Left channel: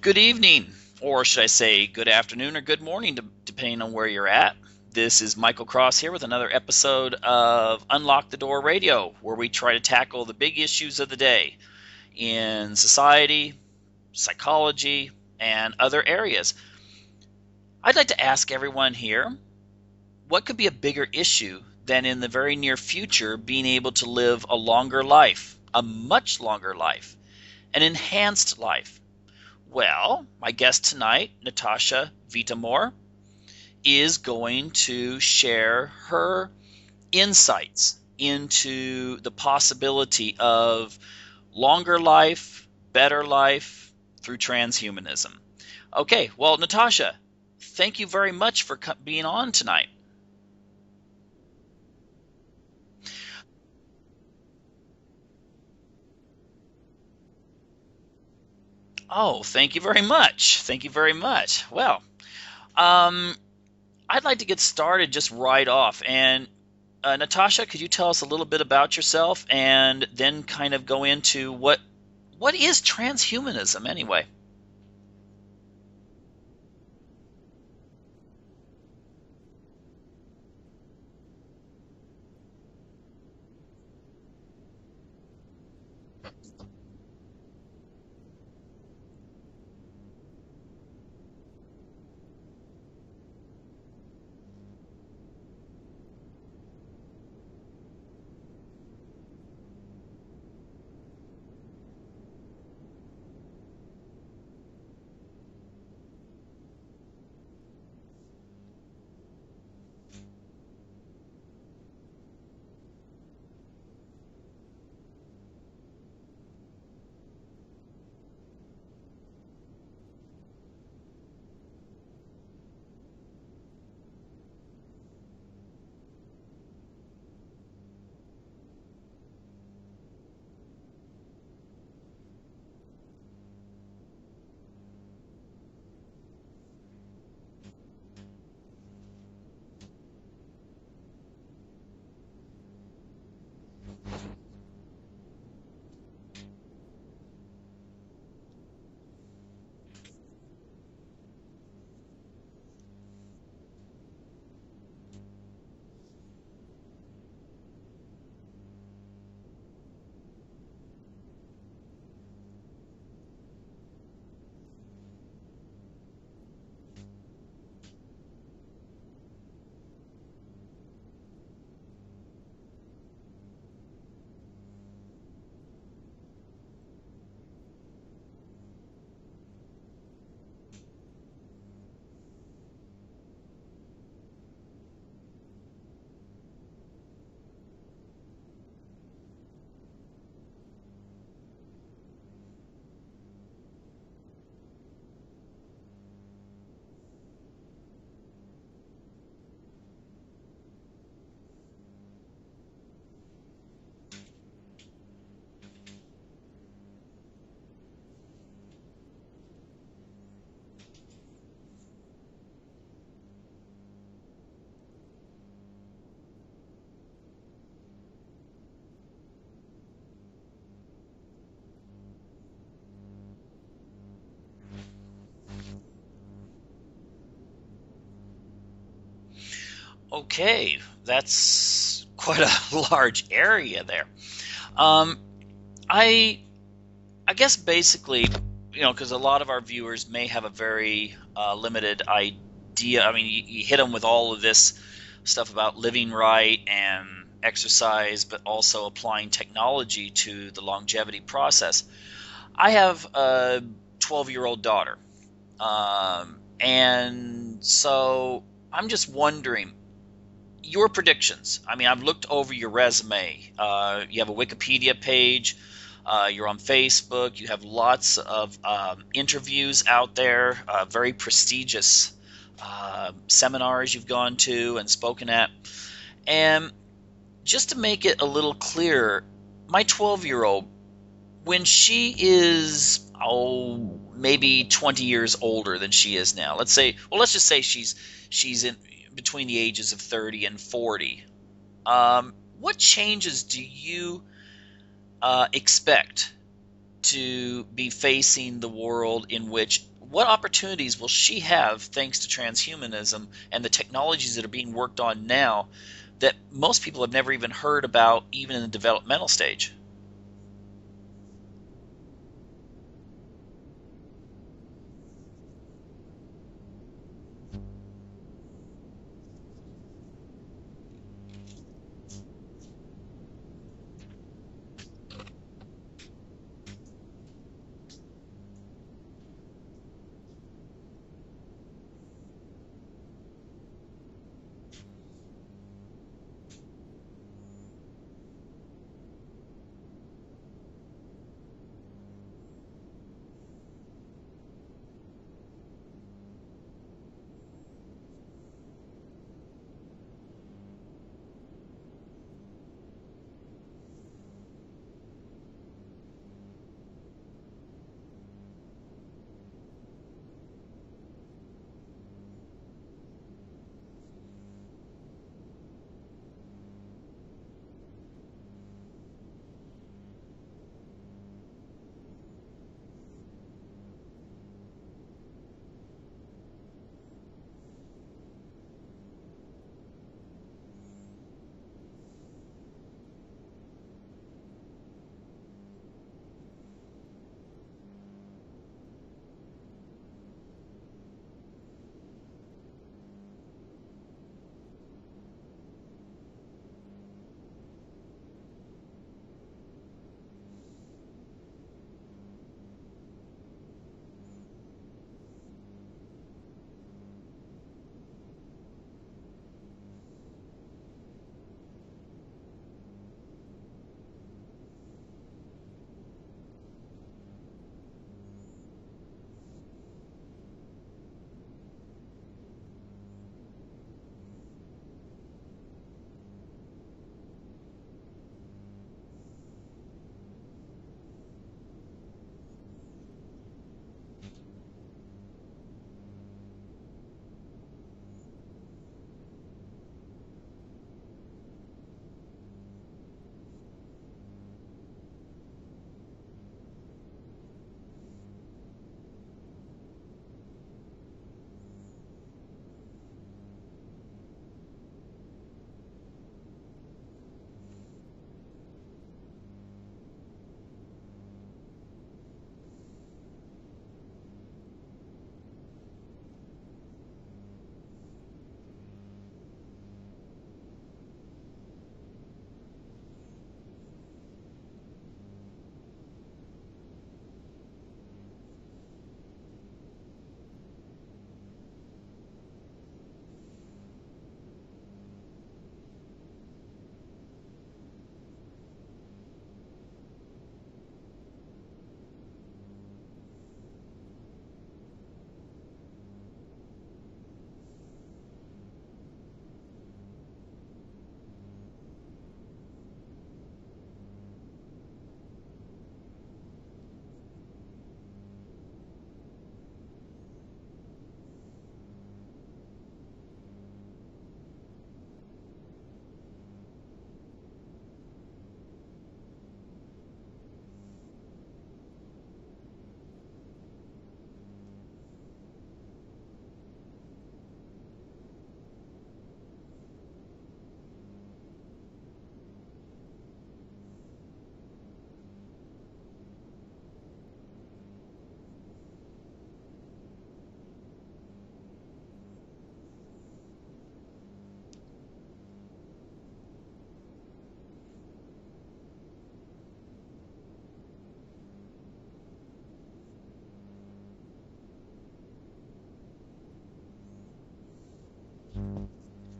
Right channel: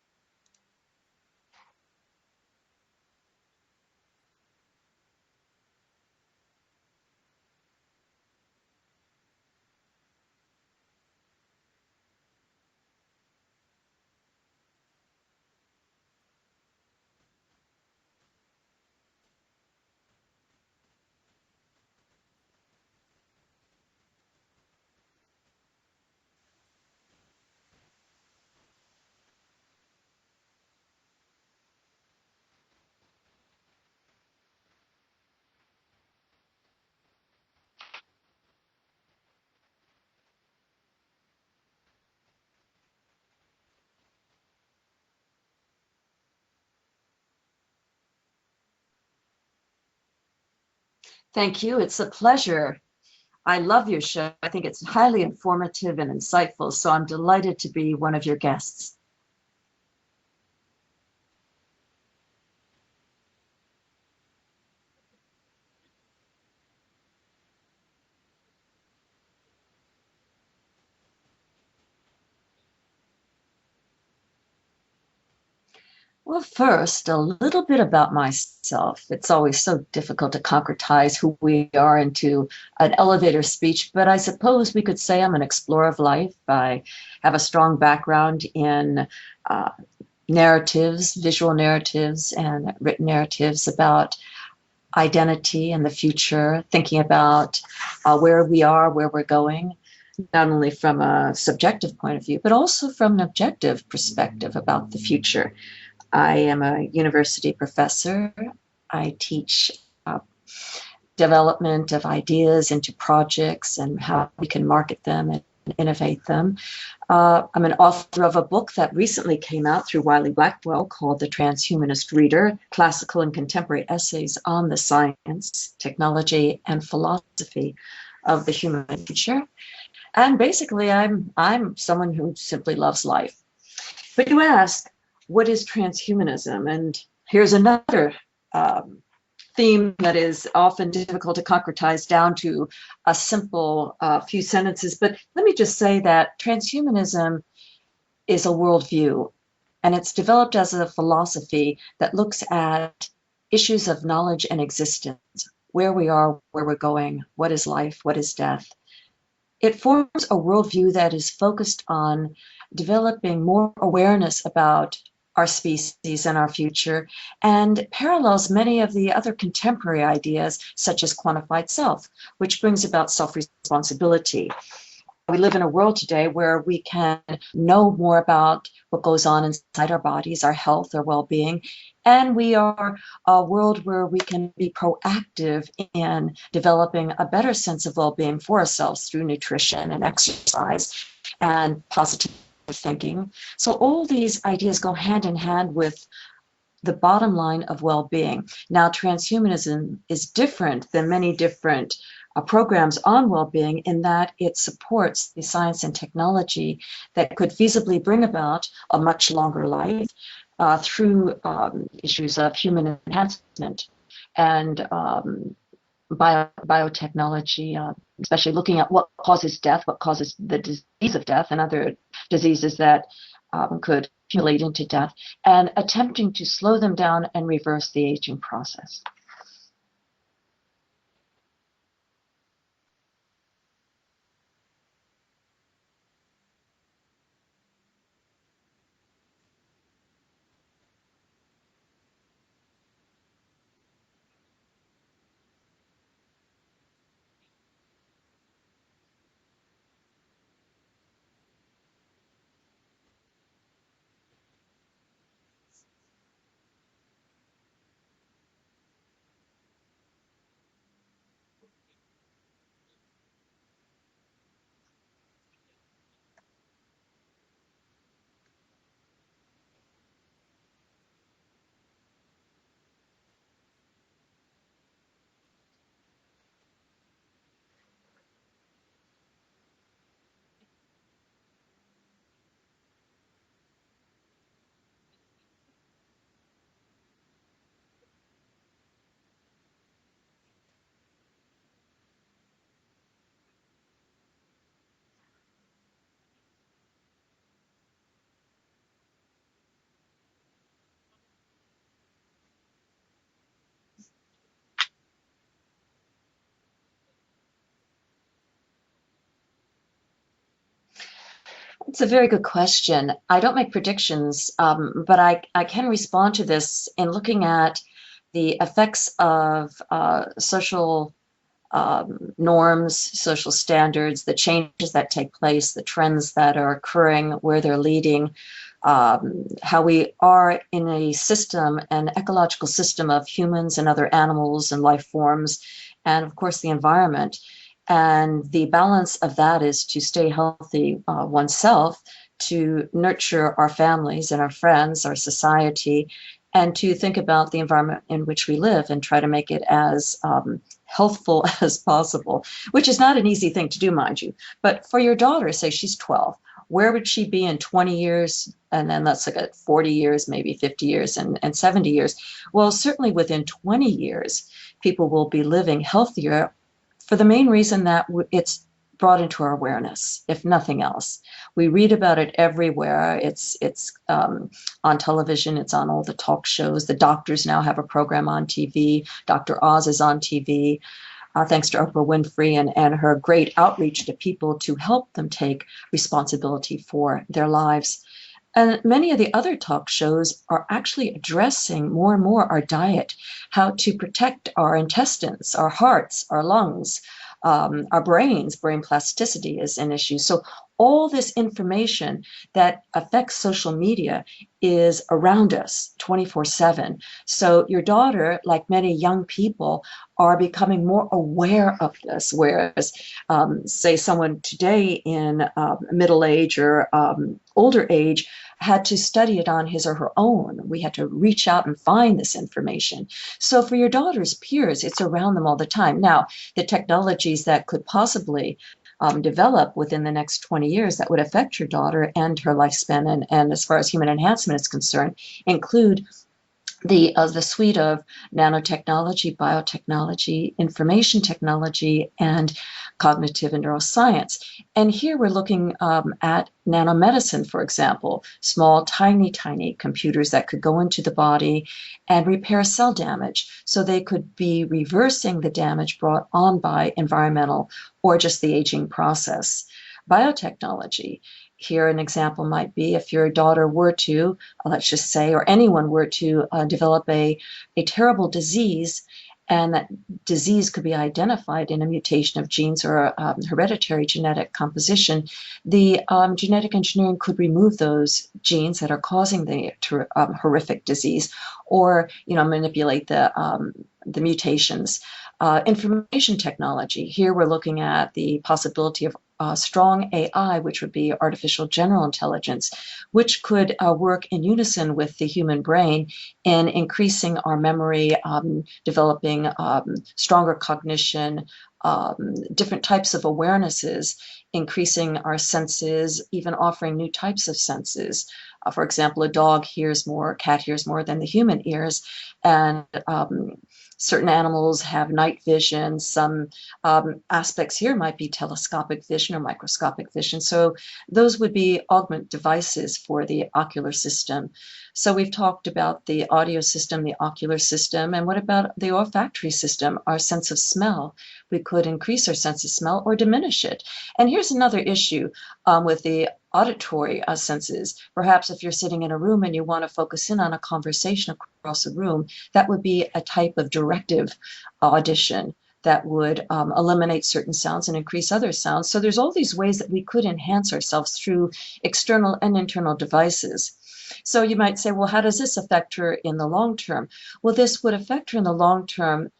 Good evening, or should I say good afternoon or good morning, depending on where you're at. This is Michael Cross here with another episode of Unlock the Door Radio, where we try to tackle the big issues of the day in society, psychology, and other areas. I'd like to ask everyone here, what could be a bigger issue than in the very near future being able to live a longer life, a much longer life, an enhanced life? Well, my guest tonight, Natasha Vita More, is going to share her insights into the possibility of longer life, better life through transhumanism. Okay, well, Natasha, thank you very much for being on tonight. Thank you. It's a pleasure. I love your show. I think it's highly informative and insightful, so I'm delighted to be one of your guests. Oh, thank you very much. Thank you very much. Well, um, I'd like to get started just right off. And Natasha, could you tell us a little bit about yourself and then kind of go into what is transhumanism anyway? Well, first, a little bit about myself. It's always so difficult to concretize who we are into an elevator speech, but I suppose we could say I'm an explorer of life. I have a strong background in uh, narratives, visual narratives, and written narratives about identity and the future, thinking about where we are, where we're going, not only from a subjective point of view, but also from an objective perspective about the future. I am a university professor. I teach uh, development of ideas into projects and how we can market them and innovate them. I'm an author of a book that recently came out through Wiley Blackwell called The Transhumanist Reader, Classical and Contemporary Essays on the Science, Technology, and Philosophy of the Human Future. And basically, I'm someone who simply loves life. But you ask, what is transhumanism? And here's another um, theme that is often difficult to concretize down to a simple few sentences. But let me just say that transhumanism is a worldview, and it's developed as a philosophy that looks at issues of knowledge and existence, where we are, where we're going, what is life, what is death. It forms a worldview that is focused on developing more awareness about our species and our future, and parallels many of the other contemporary ideas, such as quantified self, which brings about self responsibility. We live in a world today where we can know more about what goes on inside our bodies, our health, our well being. And we are a world where we can be proactive in developing a better sense of well being for ourselves through nutrition and exercise and positive thinking. So, all these ideas go hand in hand with the bottom line of well-being. Now, transhumanism is different than many different programs on well-being in that it supports the science and technology that could feasibly bring about a much longer life through issues of human enhancement and biotechnology, especially looking at what causes death, what causes the disease of death, and other diseases that could accumulate into death, and attempting to slow them down and reverse the aging process. Okay, that's quite a large area there. Um, I I guess basically, because a lot of our viewers may have a very limited idea. I mean, you hit them with all of this stuff about living right and exercise, but also applying technology to the longevity process. I have a 12-year-old daughter, and so I'm just wondering your predictions. I mean, I've looked over your resume. You have a Wikipedia page. You're on Facebook. You have lots of interviews out there, very prestigious seminars you've gone to and spoken at. And just to make it a little clearer, my 12-year-old, when she is, maybe 20 years older than she is now, let's just say she's in between the ages of 30 and 40. What changes do you expect to be facing the world in which, what opportunities will she have thanks to transhumanism and the technologies that are being worked on now that most people have never even heard about, even in the developmental stage? It's a very good question. I don't make predictions, but I can respond to this in looking at the effects of social norms, social standards, the changes that take place, the trends that are occurring, where they're leading, how we are in a system, an ecological system of humans and other animals and life forms, and of course the environment. And the balance of that is to stay healthy oneself, to nurture our families and our friends, our society, and to think about the environment in which we live and try to make it as healthful as possible, which is not an easy thing to do, mind you. But for your daughter, say she's 12, where would she be in 20 years? And then let's look at 40 years, maybe 50 years, and 70 years. Well, certainly within 20 years, people will be living healthier for the main reason that it's brought into our awareness, if nothing else. We read about it everywhere. It's on television. It's on all the talk shows. The doctors now have a program on TV. Dr. Oz is on TV, thanks to Oprah Winfrey and her great outreach to people to help them take responsibility for their lives. And many of the other talk shows are actually addressing more and more our diet, how to protect our intestines, our hearts, our lungs, our brains. Brain plasticity is an issue. So all this information that affects social media is around us 24/7. So your daughter, like many young people, are becoming more aware of this, whereas say someone today in middle age or older age had to study it on his or her own. We had to reach out and find this information. So for your daughter's peers, it's around them all the time. Now, the technologies that could possibly develop within the next 20 years that would affect your daughter and her lifespan, and as far as human enhancement is concerned, include the suite of nanotechnology, biotechnology, information technology, and cognitive and neuroscience. And here we're looking at nanomedicine, for example, small, tiny computers that could go into the body and repair cell damage. So they could be reversing the damage brought on by environmental or just the aging process. Biotechnology. Here, an example might be if your daughter were to, let's just say, or anyone were to develop a terrible disease, and that disease could be identified in a mutation of genes or a hereditary genetic composition, the genetic engineering could remove those genes that are causing the horrific disease, or manipulate the mutations. Information technology. Here we're looking at the possibility of strong AI, which would be artificial general intelligence, which could work in unison with the human brain in increasing our memory, developing stronger cognition, different types of awarenesses, increasing our senses, even offering new types of senses. For example, a dog hears more, a cat hears more than the human ears, and certain animals have night vision. Some aspects here might be telescopic vision or microscopic vision. So those would be augment devices for the ocular system. So we've talked about the audio system, the ocular system, and what about the olfactory system, our sense of smell? We could increase our sense of smell or diminish it. And here's another issue with the auditory senses. Perhaps if you're sitting in a room and you want to focus in on a conversation across a room, that would be a type of directive audition that would eliminate certain sounds and increase other sounds. So there's all these ways that we could enhance ourselves through external and internal devices. So you might say, well, how does this affect her in the long term? Well, this would affect her in the long term,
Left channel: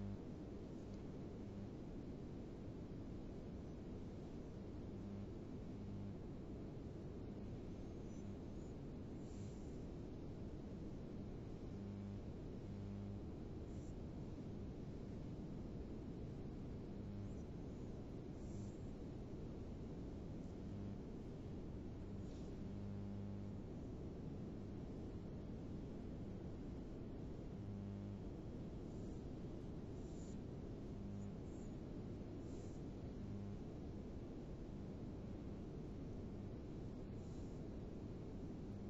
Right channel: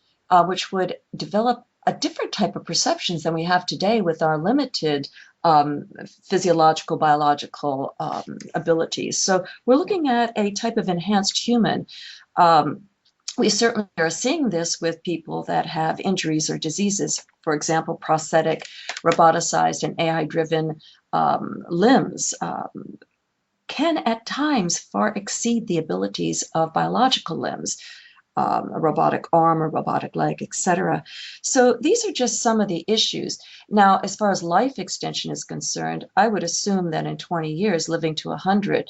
which would develop a different type of perceptions than we have today with our limited physiological, biological abilities. So we're looking at a type of enhanced human. We certainly are seeing this with people that have injuries or diseases. For example, prosthetic, roboticized, and AI-driven limbs can at times far exceed the abilities of biological limbs. a robotic arm, a robotic leg, etc. So these are just some of the issues. Now, as far as life extension is concerned, I would assume that in 20 years, living to 100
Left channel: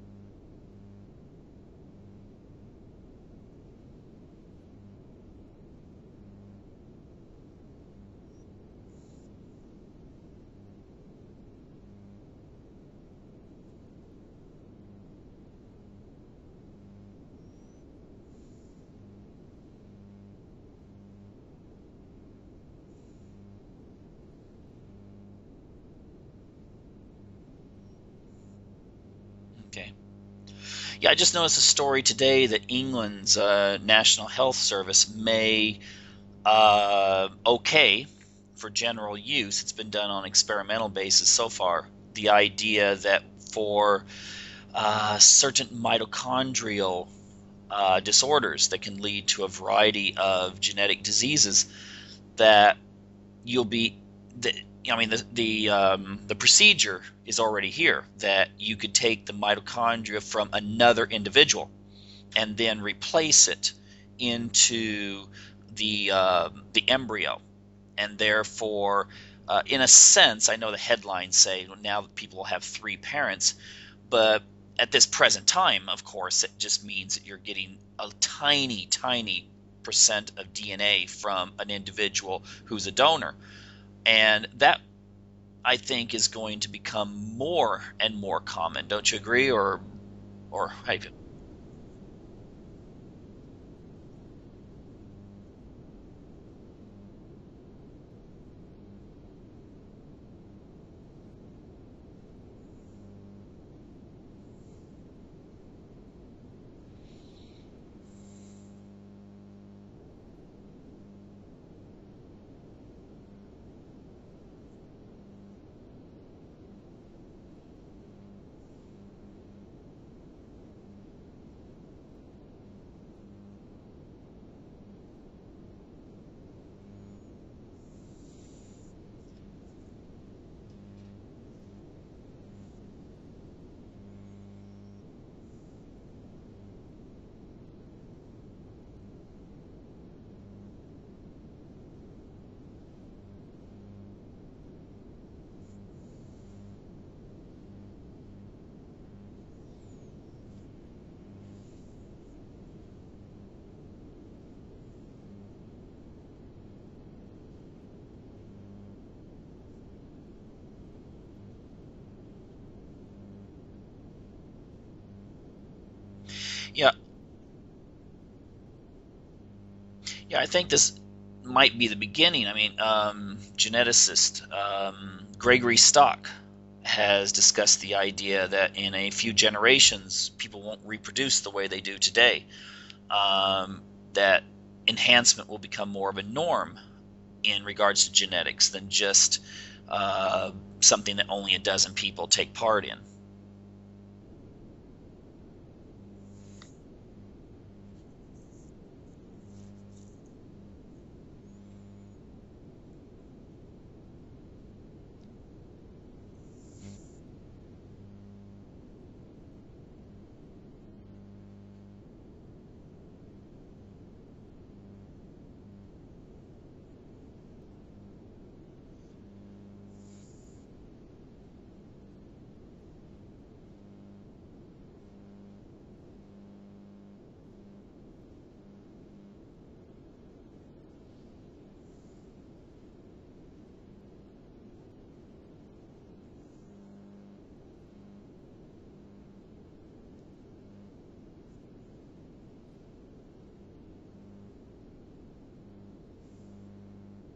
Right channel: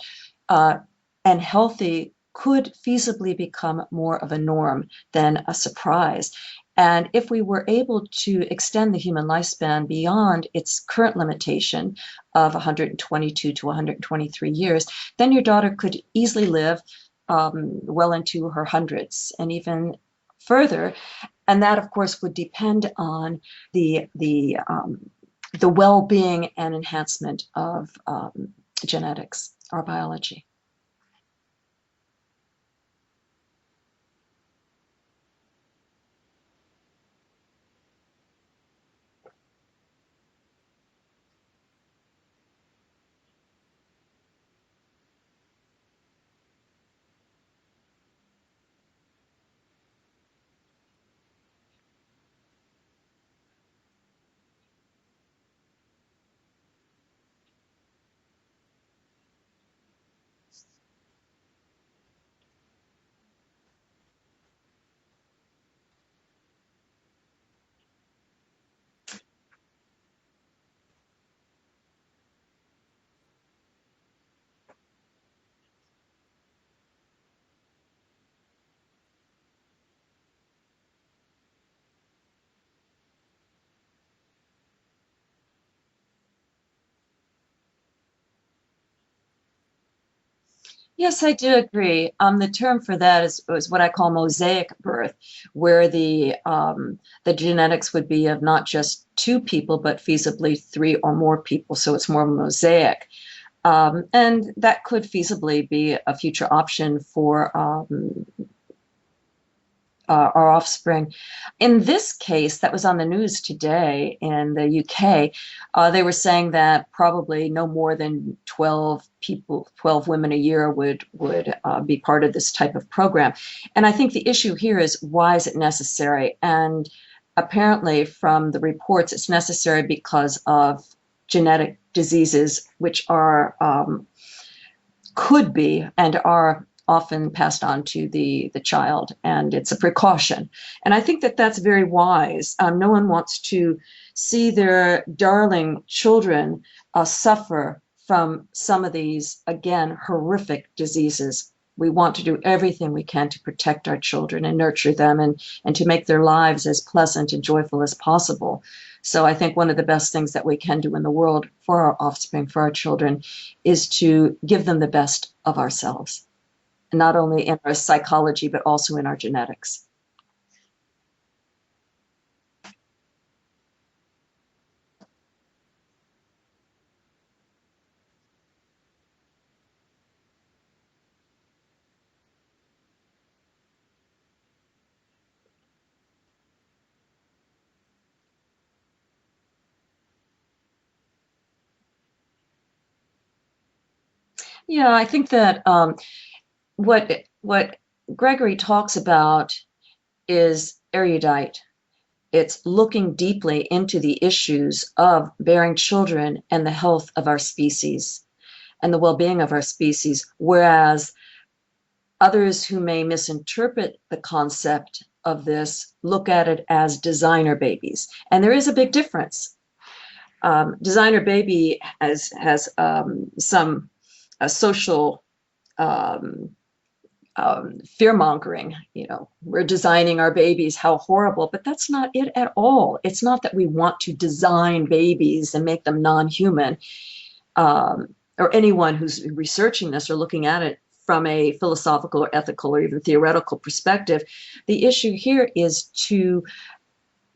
and healthy could feasibly become more of a norm than a surprise. And if we were able to extend the human lifespan beyond its current limitation of 122 to 123 years, then your daughter could easily live well into her hundreds and even further. And that, of course, would depend on the well-being and enhancement of genetics or biology. Yeah, I just noticed a story today that England's National Health Service may okay for general use. It's been done on experimental basis so far. The idea that for certain mitochondrial disorders that can lead to a variety of genetic diseases, that you'll be the procedure is already here, that you could take the mitochondria from another individual and then replace it into the embryo, and therefore in a sense, I know the headlines say now that people will have three parents, but at this present time, of course, it just means that you're getting a tiny percent of DNA from an individual who's a donor. And that, I think, is going to become more and more common. Don't you agree? Or Yes, I do agree. The term for that is what I call mosaic birth, where the genetics would be of not just two people, but feasibly three or more people. So it's more mosaic. And that could feasibly be a future option for our offspring. In this case, that was on the news today in the UK, they were saying that probably no more than 12 people, 12 women a year would be part of this type of program. And I think the issue here is, why is it necessary? And apparently from the reports, it's necessary because of genetic diseases, which are could be and are often passed on to the child, and it's a precaution. And I think that that's very wise. No one wants to see their darling children suffer from some of these, again, horrific diseases. We want to do everything we can to protect our children and nurture them, and to make their lives as pleasant and joyful as possible. So I think one of the best things that we can do in the world for our offspring, for our children, is to give them the best of ourselves, yeah, not only in our psychology, but also in our genetics. yeah, I think this might be the beginning. I mean, geneticist Gregory Stock has discussed the idea that in a few generations, people won't reproduce the way they do today. That enhancement will become more of a norm in regards to genetics than just something that only a dozen people take part in. Yeah, I think that what Gregory talks about is erudite. It's looking deeply into the issues of bearing children and the health of our species and the well-being of our species, whereas others who may misinterpret the concept of this look at it as designer babies. And there is a big difference. Designer baby has some social fear mongering. We're designing our babies, how horrible, but that's not it at all. It's not that we want to design babies and make them non-human, or anyone who's researching this or looking at it from a philosophical or ethical or even theoretical perspective. The issue here is to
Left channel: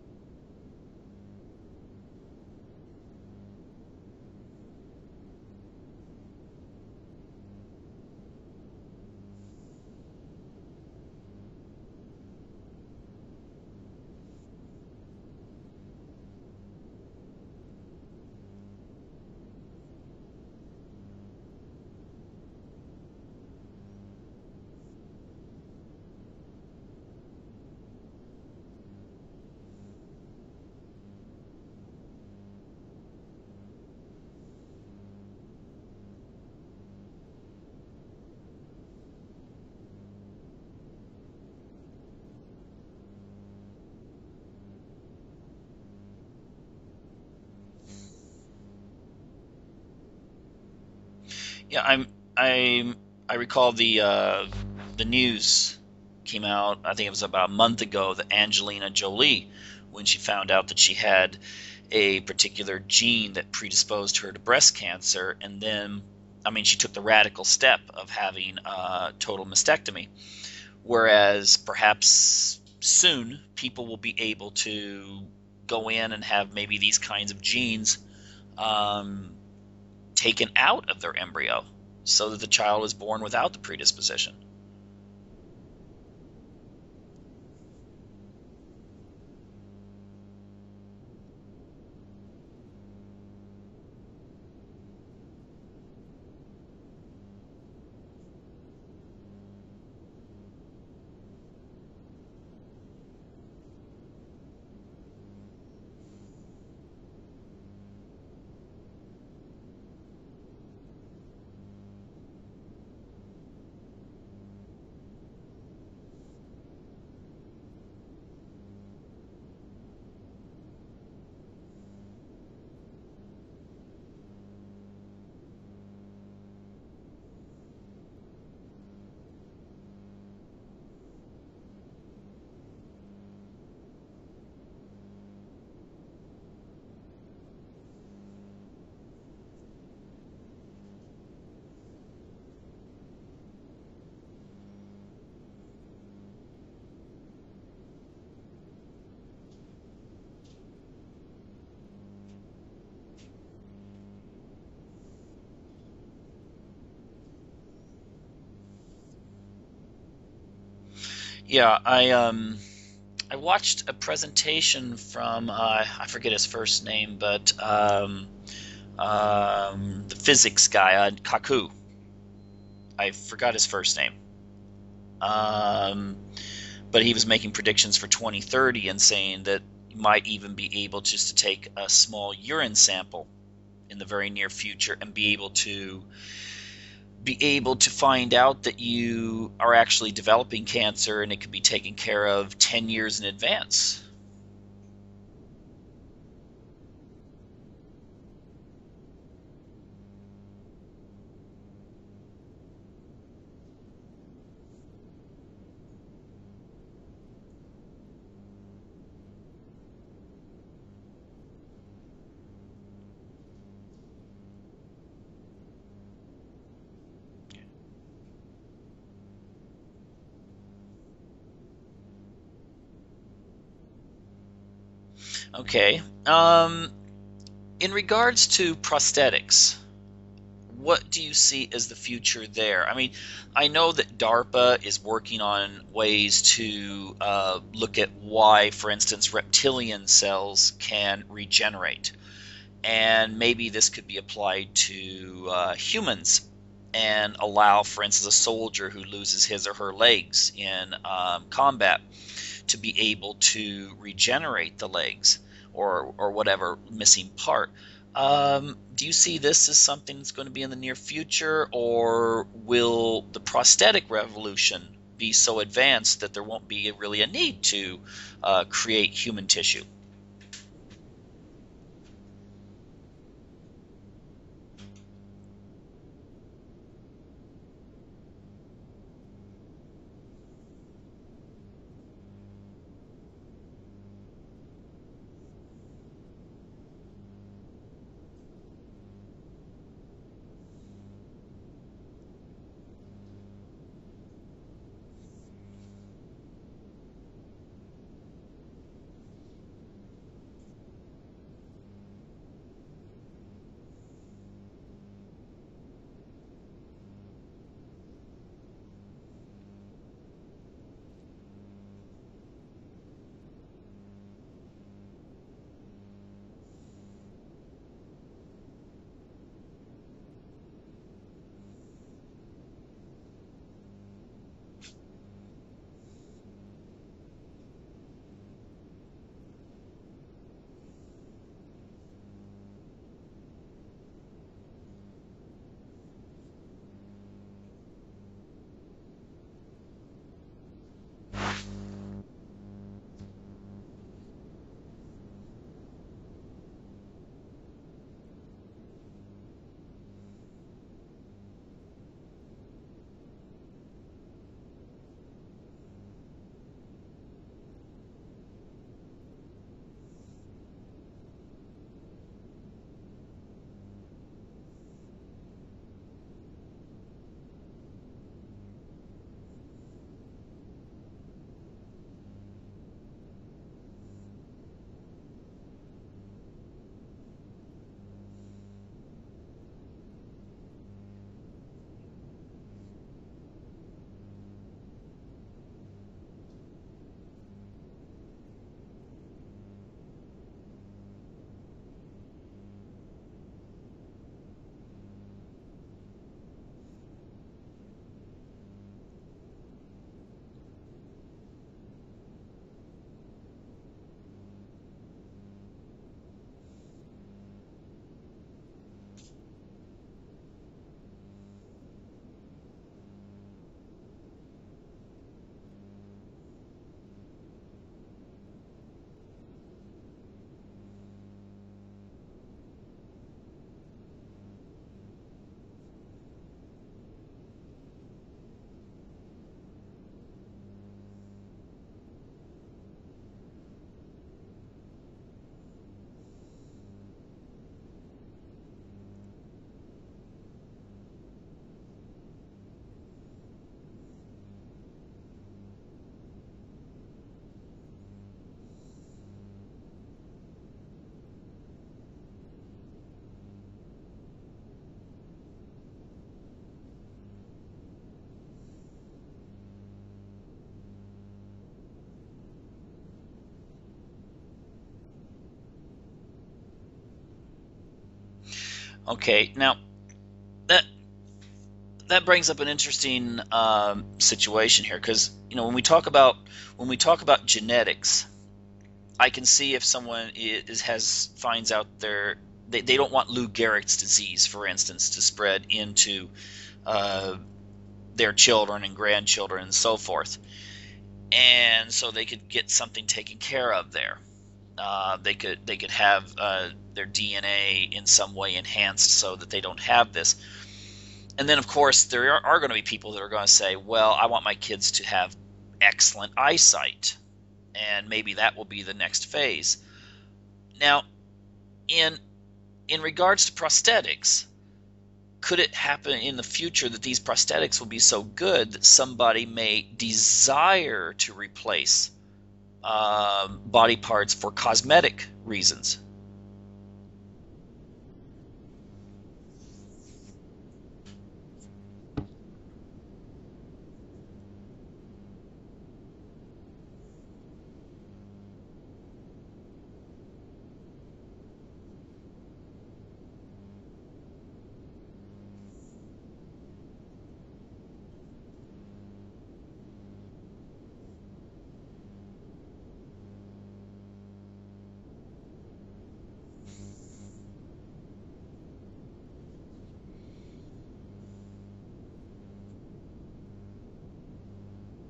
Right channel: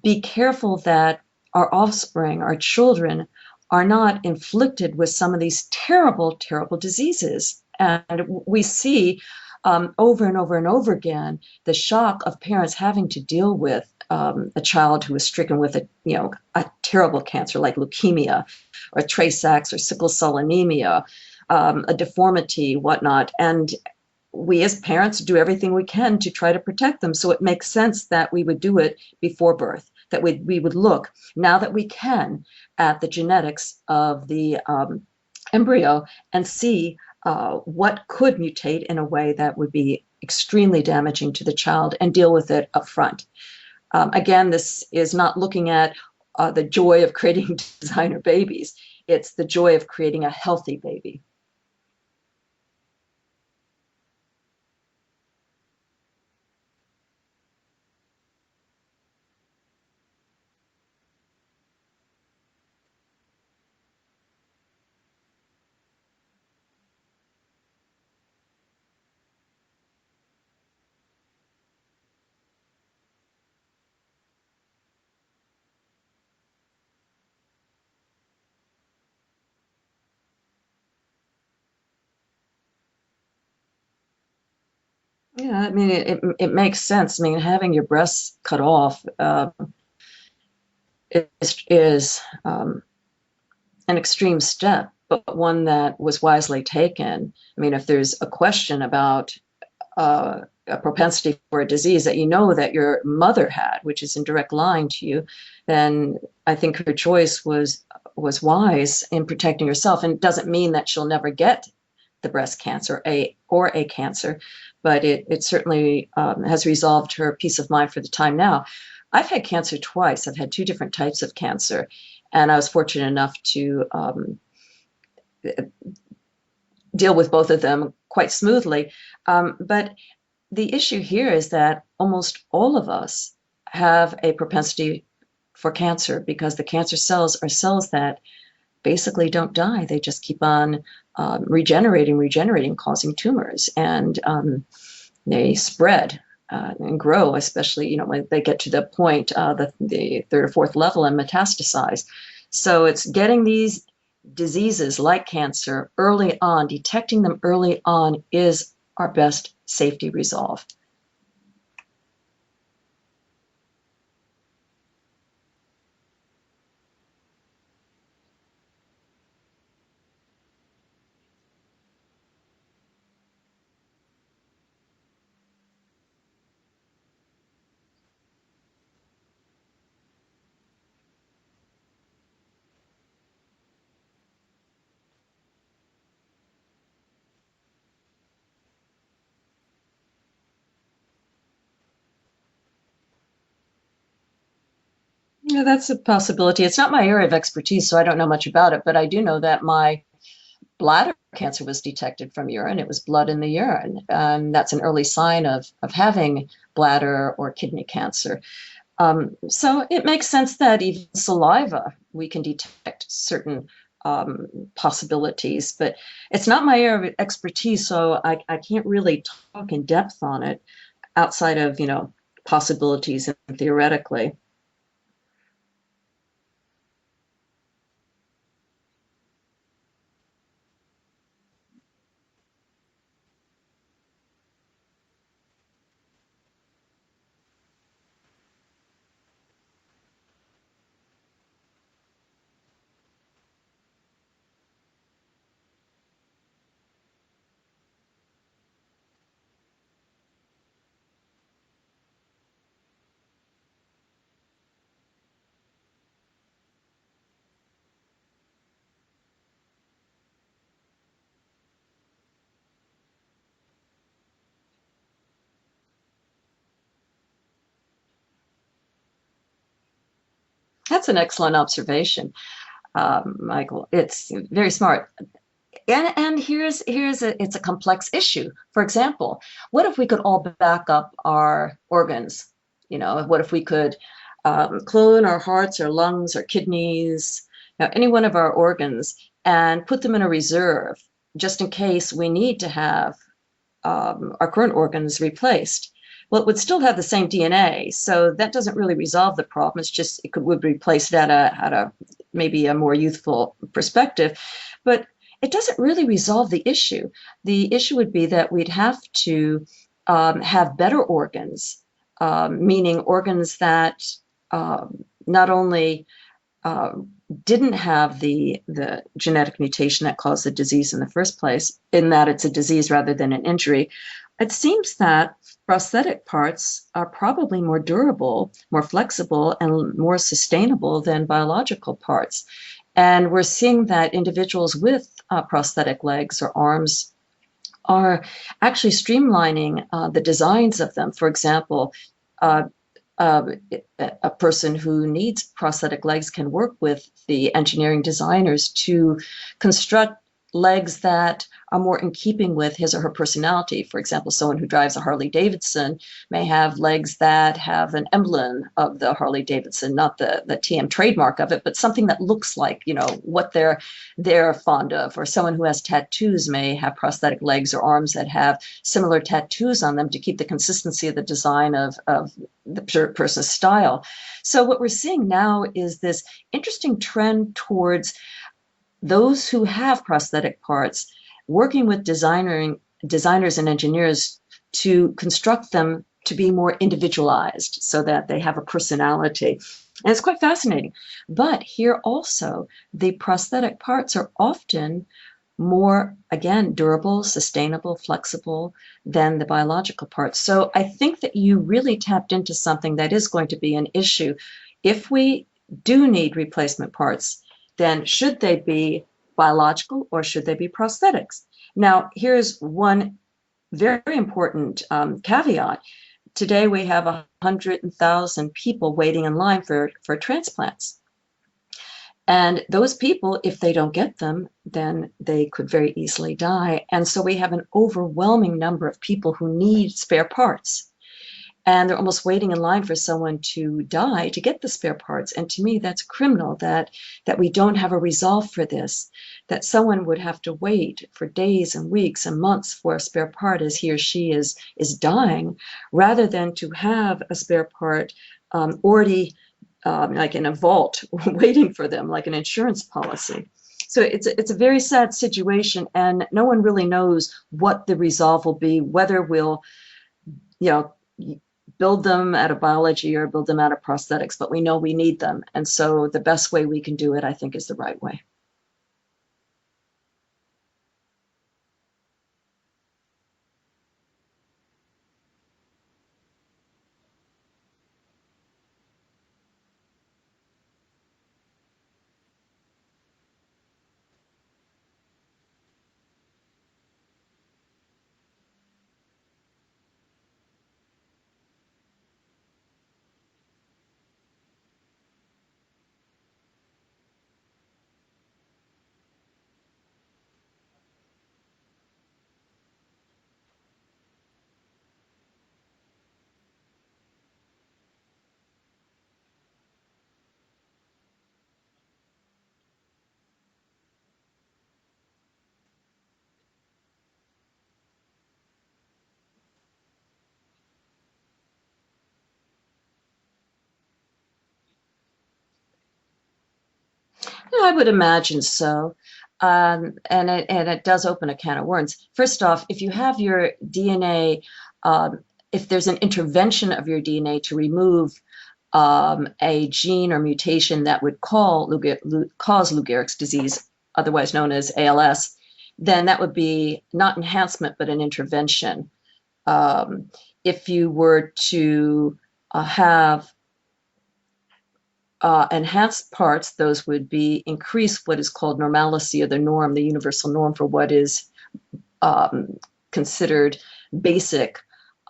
be careful that our offspring, our children, are not inflicted with some of these terrible, terrible diseases. And we see over and over and over again the shock of parents having to deal with a child who is stricken with a terrible cancer like leukemia or Tay-Sachs or sickle cell anemia, a deformity, whatnot. And we as parents do everything we can to try to protect them. So it makes sense that we would do it before birth, that we would look, now that we can, at the genetics of the embryo and see what could mutate in a way that would be extremely damaging to the child and deal with it up front. Again, this is not looking at the joy of creating designer babies. It's the joy of creating a healthy baby. Yeah, I recall the news came out, I think it was about a month ago, that Angelina Jolie, when she found out that she had a particular gene that predisposed her to breast cancer, and then, I mean, she took the radical step of having a total mastectomy. Whereas perhaps soon people will be able to go in and have maybe these kinds of genes um, taken out of their embryo so that the child is born without the predisposition. Yeah, I mean, it makes sense. I mean, having your breasts cut off is an extreme step, but one that was wisely taken. I mean, if there's a question about a propensity for a disease that you know that your mother had, which is in direct line to you, then I think her choice was wise in protecting herself. And it doesn't mean that she'll never get the breast cancer or a cancer, but it certainly has resolved her peace of mind for the time now. I've had cancer twice. I've had two different types of cancer, and I was fortunate enough to deal with both of them quite smoothly. But the issue here is that almost all of us have a propensity for cancer because the cancer cells are cells that basically don't die. They just keep on regenerating, causing tumors, and they spread and grow, especially when they get to the point, the third or fourth level, and metastasize. So it's getting these diseases like cancer early on, detecting them early on is our best safety resolve. Yeah, I watched a presentation from I forget his first name, but the physics guy, Kaku. I forgot his first name. But he was making predictions for 2030 and saying that you might even be able just to take a small urine sample in the very near future and be able to find out that you are actually developing cancer, and it could be taken care of 10 years in advance. Yeah, that's a possibility. It's not my area of expertise, so I don't know much about it, but I do know that my bladder cancer was detected from urine. It was blood in the urine. And that's an early sign of having bladder or kidney cancer. So it makes sense that even saliva, we can detect certain possibilities, but it's not my area of expertise, so I can't really talk in depth on it outside of, possibilities and theoretically. Okay. In regards to prosthetics, what do you see as the future there? I mean, I know that DARPA is working on ways to look at why, for instance, reptilian cells can regenerate. And maybe this could be applied to humans and allow, for instance, a soldier who loses his or her legs in combat to be able to regenerate the legs or whatever missing part. Do you see this as something that's going to be in the near future, or will the prosthetic revolution be so advanced that there won't be really a need to create human tissue? That's an excellent observation, Michael. It's very smart. And it's a complex issue. For example, what if we could all back up our organs? What if we could clone our hearts, our lungs, our kidneys, any one of our organs, and put them in a reserve just in case we need to have our current organs replaced? Well, it would still have the same DNA, so that doesn't really resolve the problem. It's just would replace it at a maybe a more youthful perspective, but it doesn't really resolve the issue. The issue would be that we'd have to have better organs, meaning organs that not only didn't have the genetic mutation that caused the disease in the first place, in that it's a disease rather than an injury. It seems that prosthetic parts are probably more durable, more flexible, and more sustainable than biological parts. And we're seeing that individuals with prosthetic legs or arms are actually streamlining the designs of them. For example, uh, uh, a person who needs prosthetic legs can work with the engineering designers to construct legs that are more in keeping with his or her personality. For example, someone who drives a Harley Davidson may have legs that have an emblem of the Harley Davidson, not the TM trademark of it, but something that looks like, what they're fond of. Or someone who has tattoos may have prosthetic legs or arms that have similar tattoos on them to keep the consistency of the design of the person's style. So what we're seeing now is this interesting trend towards those who have prosthetic parts working with designers and engineers to construct them to be more individualized so that they have a personality. And it's quite fascinating. But here also, the prosthetic parts are often more, again, durable, sustainable, flexible than the biological parts. So I think that you really tapped into something that is going to be an issue. If we do need replacement parts, then should they be biological or should they be prosthetics? Now, here's one very important caveat. Today, we have 100,000 people waiting in line for transplants. And those people, if they don't get them, then they could very easily die. And so we have an overwhelming number of people who need spare parts. And they're almost waiting in line for someone to die to get the spare parts. And to me, that's criminal that we don't have a resolve for this, that someone would have to wait for days and weeks and months for a spare part as he or she is dying, rather than to have a spare part already like in a vault waiting for them, like an insurance policy. So it's a very sad situation, and no one really knows what the resolve will be, whether we'll, build them out of biology or build them out of prosthetics, but we know we need them. And so the best way we can do it, I think, is the right way. Okay, now that brings up an interesting situation here, because when we talk about genetics, I can see if someone finds out they don't want Lou Gehrig's disease, for instance, to spread into their children and grandchildren and so forth. And so they could get something taken care of there. They could have their DNA in some way enhanced so that they don't have this. And then, of course, there are going to be people that are going to say, well, I want my kids to have excellent eyesight, and maybe that will be the next phase. Now, in regards to prosthetics, could it happen in the future that these prosthetics will be so good that somebody may desire to replace body parts for cosmetic reasons? I would imagine so. And it does open a can of worms. First off, if you have your DNA, if there's an intervention of your DNA to remove a gene or mutation that would cause Lou Gehrig's disease, otherwise known as ALS, then that would be not enhancement, but an intervention. If you were to have enhanced parts, those would be increase what is called normalcy, or the norm, the universal norm for what is considered basic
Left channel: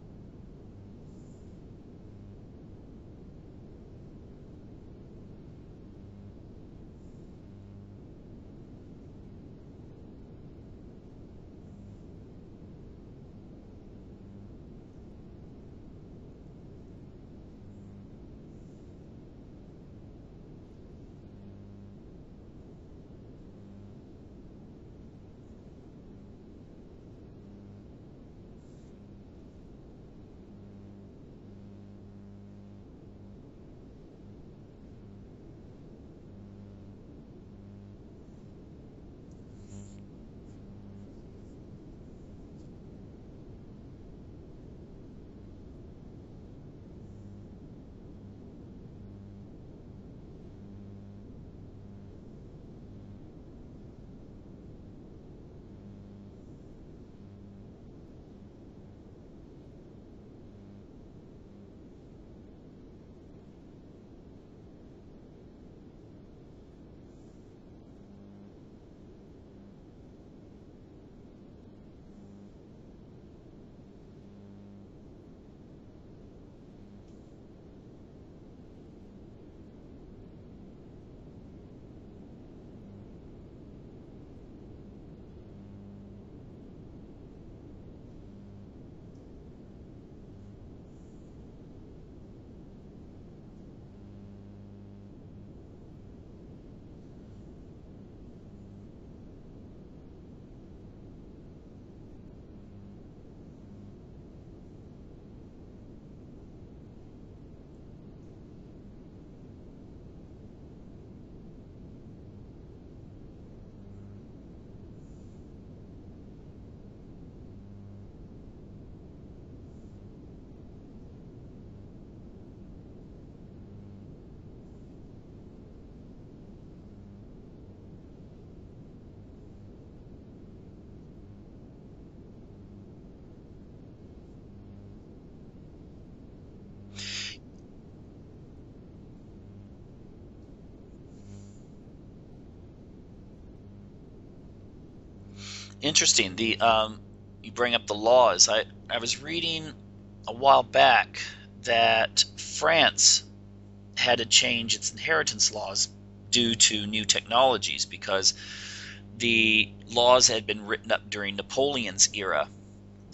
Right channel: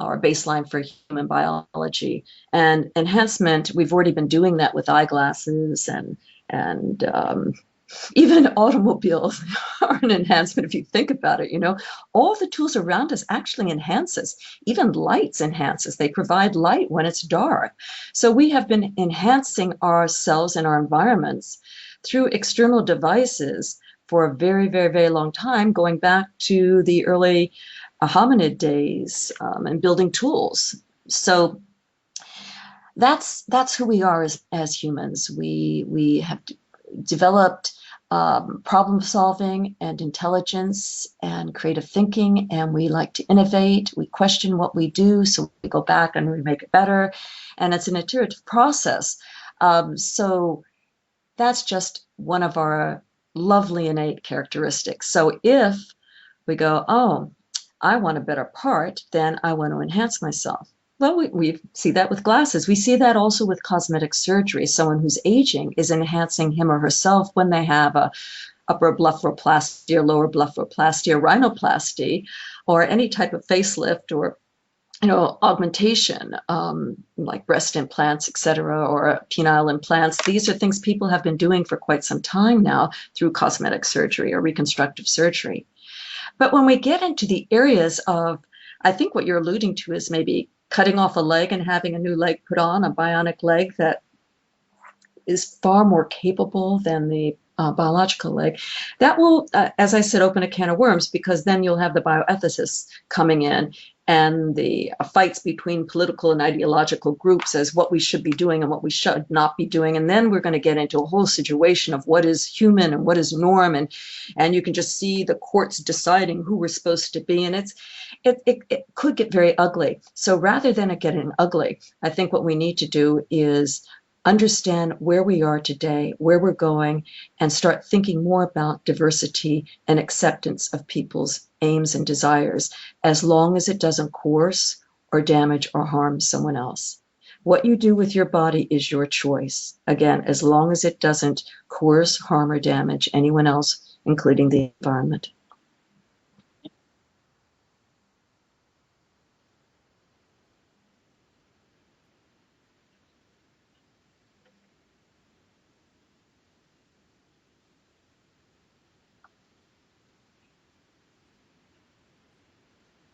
or baseline for human biology. And enhancement, we've already been doing that with eyeglasses and even automobiles are an enhancement if you think about it. All the tools around us actually enhances. Even lights enhances. They provide light when it's dark. So we have been enhancing ourselves and our environments through external devices for a very, very, very long time, going back to the early hominid days and building tools. So that's who we are as humans. We have developed problem solving and intelligence and creative thinking, and we like to innovate. We question what we do, so we go back and we make it better, and it's an iterative process. So that's just one of our lovely innate characteristics. So if we go, oh, I want a better part, then I want to enhance myself. Well, we see that with glasses. We see that also with cosmetic surgery. Someone who's aging is enhancing him or herself when they have a upper blepharoplasty or lower blepharoplasty or rhinoplasty or any type of facelift or augmentation, like breast implants, et cetera, or penile implants. These are things people have been doing for quite some time now through cosmetic surgery or reconstructive surgery. But when we get into the areas of, I think what you're alluding to is maybe cutting off a leg and having a new leg put on, a bionic leg that is far more capable than the biological leg, that will, as I said, open a can of worms, because then you'll have the bioethicists coming in and the fights between political and ideological groups as what we should be doing and what we should not be doing. And then we're going to get into a whole situation of what is human and what is norm. And you can just see the courts deciding who we're supposed to be. And it could get very ugly. So rather than it getting ugly, I think what we need to do is understand where we are today, where we're going, and start thinking more about diversity and acceptance of people's aims and desires, as long as it doesn't coerce or damage or harm someone else. What you do with your body is your choice. Again, as long as it doesn't coerce, harm, or damage anyone else, including the environment. Interesting. You bring up the laws. I was reading a while back that France had to change its inheritance laws due to new technologies, because the laws had been written up during Napoleon's era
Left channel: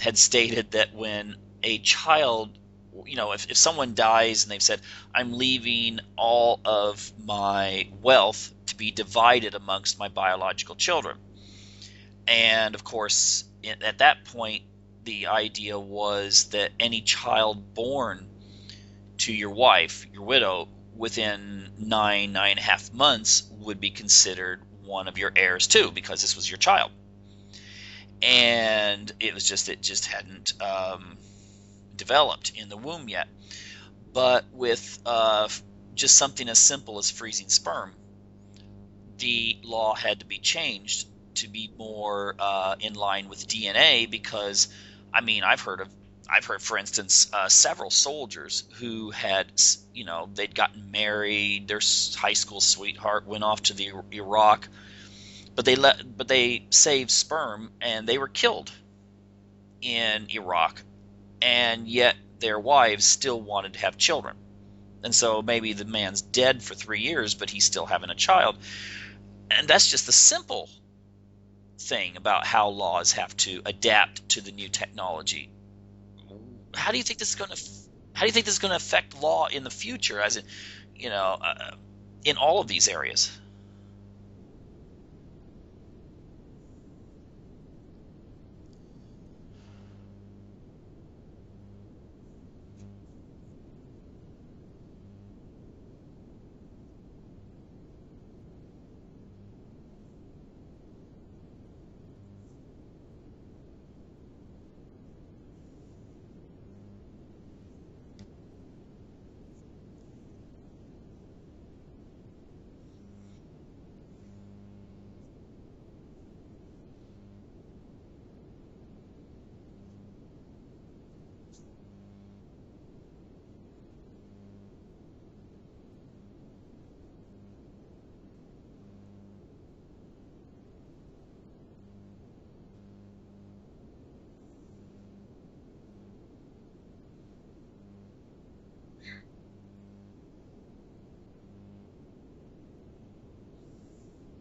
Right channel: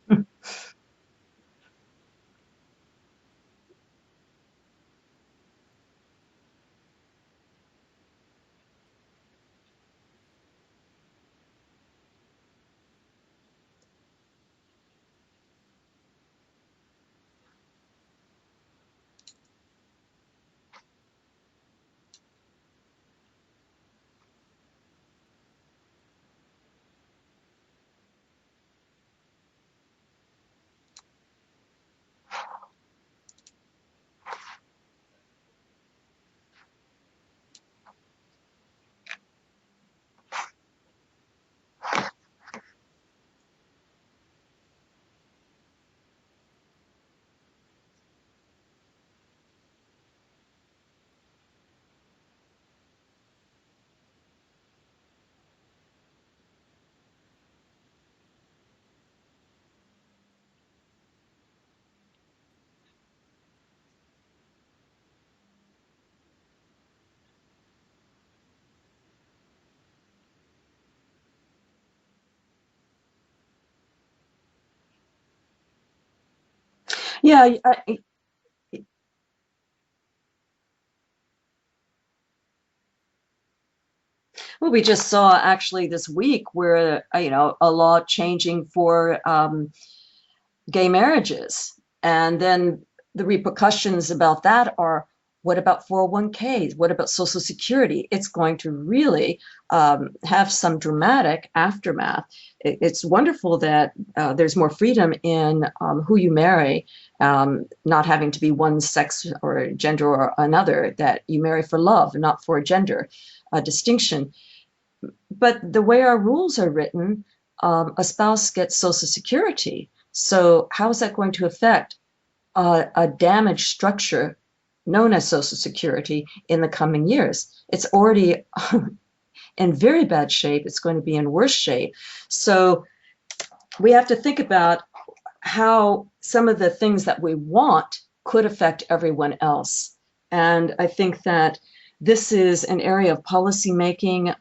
had stated that when a child, if someone dies and they've said, I'm leaving all of my wealth to be divided amongst my biological children. And of course, at that point, the idea was that any child born to your wife, your widow, within 9.5 months would be considered one of your heirs too, because this was your child. And it just hadn't developed in the womb yet. But with just something as simple as freezing sperm, the law had to be changed to be more in line with DNA, because I've heard, for instance, several soldiers who had, they'd gotten married, their high school sweetheart went off to the Iraq, but they saved sperm and they were killed in Iraq, and yet their wives still wanted to have children. And so maybe the man's dead for 3 years, but he's still having a child. And that's just the simple thing about how laws have to adapt to the new technology. How do you think this is going to affect law in the future, as in all of these areas? Well, we just saw actually this week where a law changing for gay marriages, and then the repercussions about that are, what about 401ks? What about Social Security? It's going to really have some dramatic aftermath. It's wonderful that there's more freedom in who you marry, not having to be one sex or gender or another, that you marry for love, not for gender distinction. But the way our rules are written, a spouse gets Social Security. So how is that going to affect a damaged structure known as Social Security in the coming years? It's already in very bad shape. It's going to be in worse shape. So we have to think about how some of the things that we want could affect everyone else. And I think that this is an area of policy making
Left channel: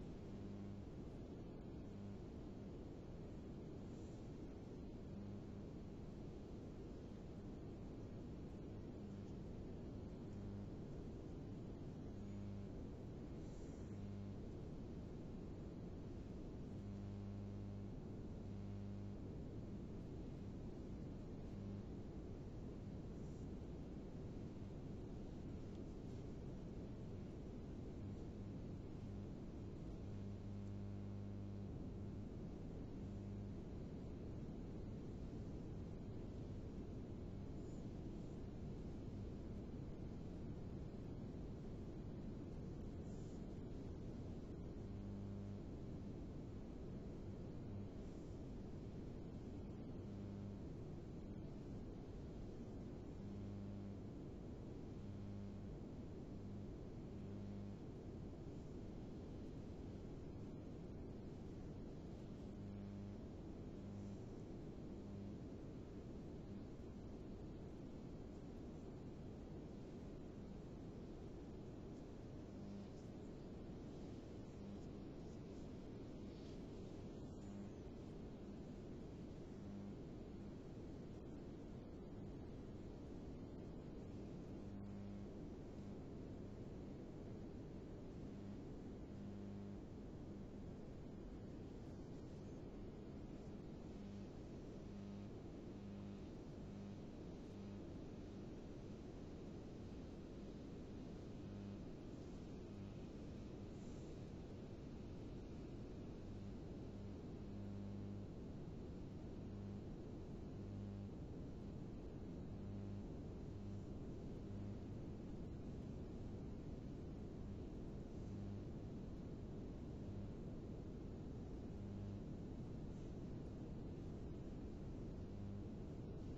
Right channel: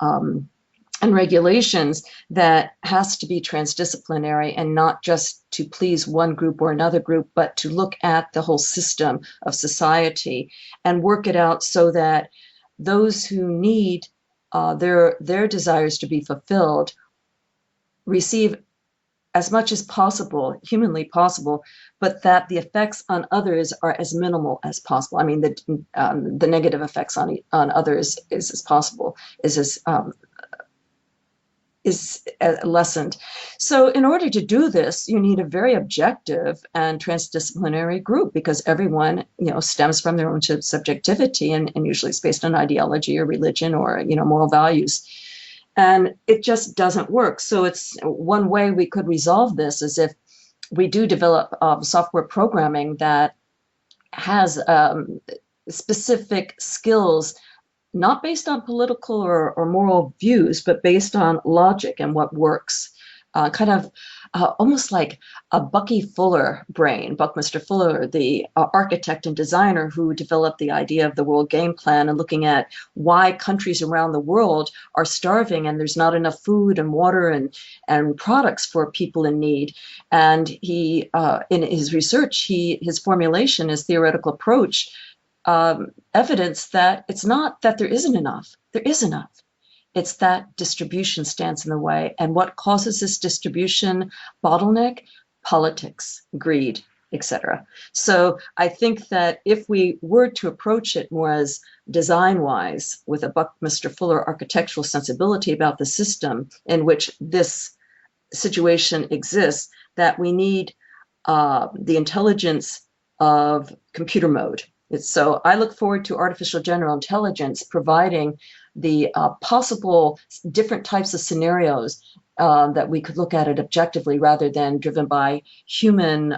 and regulations that has to be transdisciplinary, and not just to please one group or another group, but to look at the whole system of society and work it out so that those who need their desires to be fulfilled receive as much as possible, humanly possible, but that the effects on others are as minimal as possible. The negative effects on others is as possible, is lessened. So in order to do this, you need a very objective and transdisciplinary group, because everyone, stems from their own subjectivity, and usually it's based on ideology or religion or, moral values. And it just doesn't work. So it's one way we could resolve this is if we do develop software programming that has specific skills not based on political or moral views, but based on logic and what works. Kind of almost like a Bucky Fuller brain, Buckminster Fuller, the architect and designer who developed the idea of the World Game Plan and looking at why countries around the world are starving and there's not enough food and water and products for people in need. And he, in his research, his formulation, his theoretical approach, evidence that it's not that there isn't enough. There is enough. It's that distribution stands in the way. And what causes this distribution bottleneck? Politics, greed, etc. So I think that if we were to approach it more as design-wise, with a Buckminster Fuller architectural sensibility about the system in which this situation exists, that we need the intelligence of computer mode. So I look forward to artificial general intelligence providing the possible different types of scenarios that we could look at it objectively rather than driven by human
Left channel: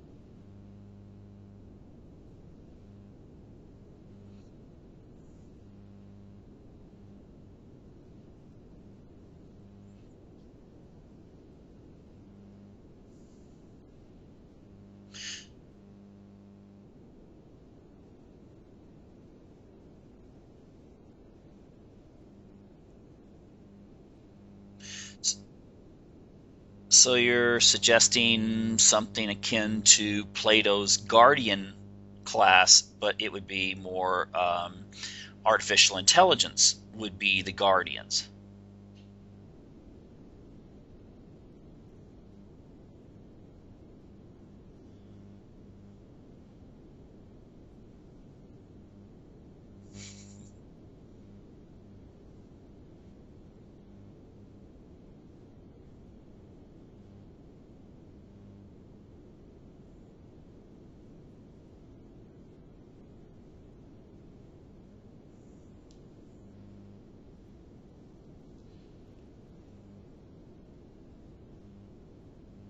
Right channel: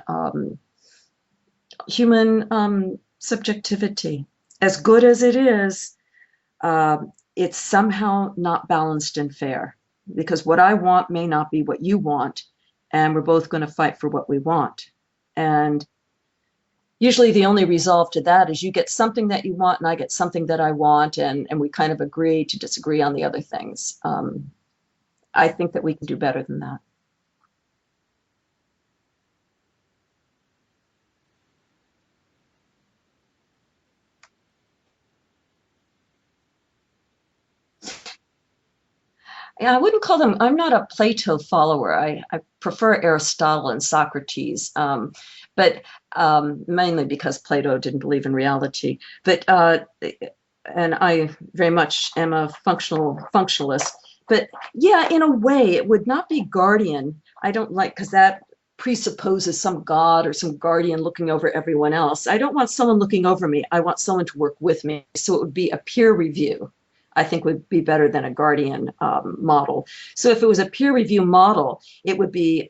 subjectivity. As good as it is, it's somehow not balanced and fair, because what I want may not be what you want, and we're both going to fight for what we want. And usually the only resolve to that is you get something that you want and I get something that I want, and we kind of agree to disagree on the other things. I think that we can do better than that. So you're suggesting something akin to Plato's guardian class, but it would be more artificial intelligence would be the guardians. Yeah, I wouldn't call them, I'm not a Plato follower. I prefer Aristotle and Socrates, but mainly because Plato didn't believe in reality. But and I very much am a functionalist. But yeah, in a way, it would not be guardian. I don't like, because that presupposes some god or some guardian looking over everyone else. I don't want someone looking over me. I want someone to work with me. So it would be a peer review. I think would be better than a guardian model. So if it was a peer review model, it would be,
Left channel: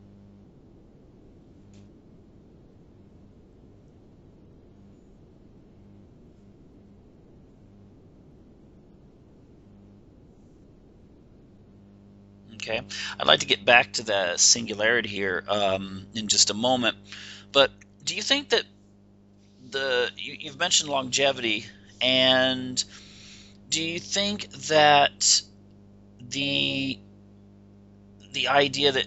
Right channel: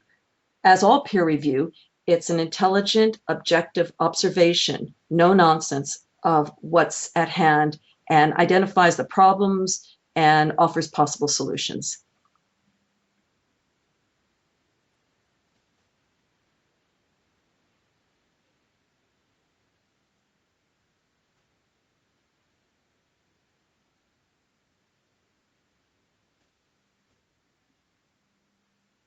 as all peer review, it's an intelligent, objective observation, no nonsense, of what's at hand and identifies the problems and offers possible solutions. Okay. I'd like to get back to the singularity here in just a moment. But do you think that you've mentioned longevity, and do you think that the idea that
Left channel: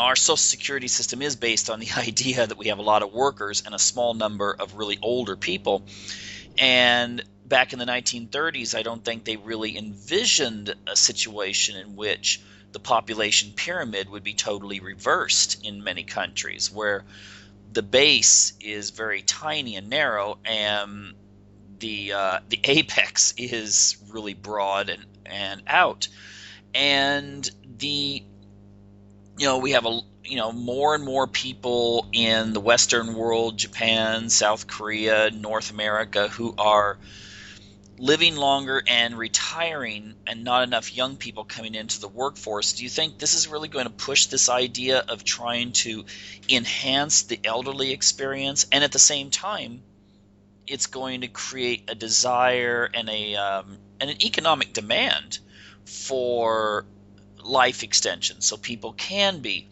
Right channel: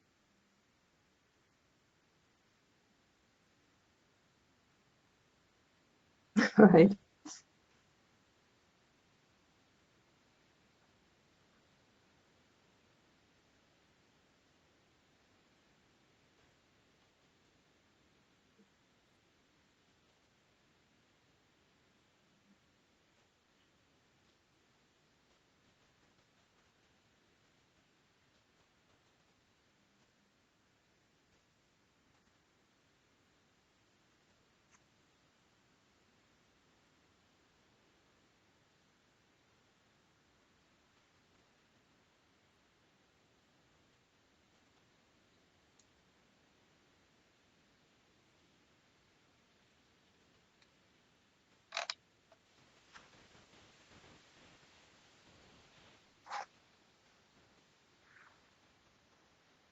our social security system is based on the idea that we have a lot of workers and a small number of really older people, and back in the 1930s, I don't think they really envisioned a situation in which the population pyramid would be totally reversed in many countries, where the base is very tiny and narrow, and the apex is really broad and out, and we have more and more people in the Western world, Japan, South Korea, North America, who are living longer and retiring, and not enough young people coming into the workforce. Do you think this is really going to push this idea of trying to enhance the elderly experience, and at the same time it's going to create a desire and an economic demand for life extension, so people can be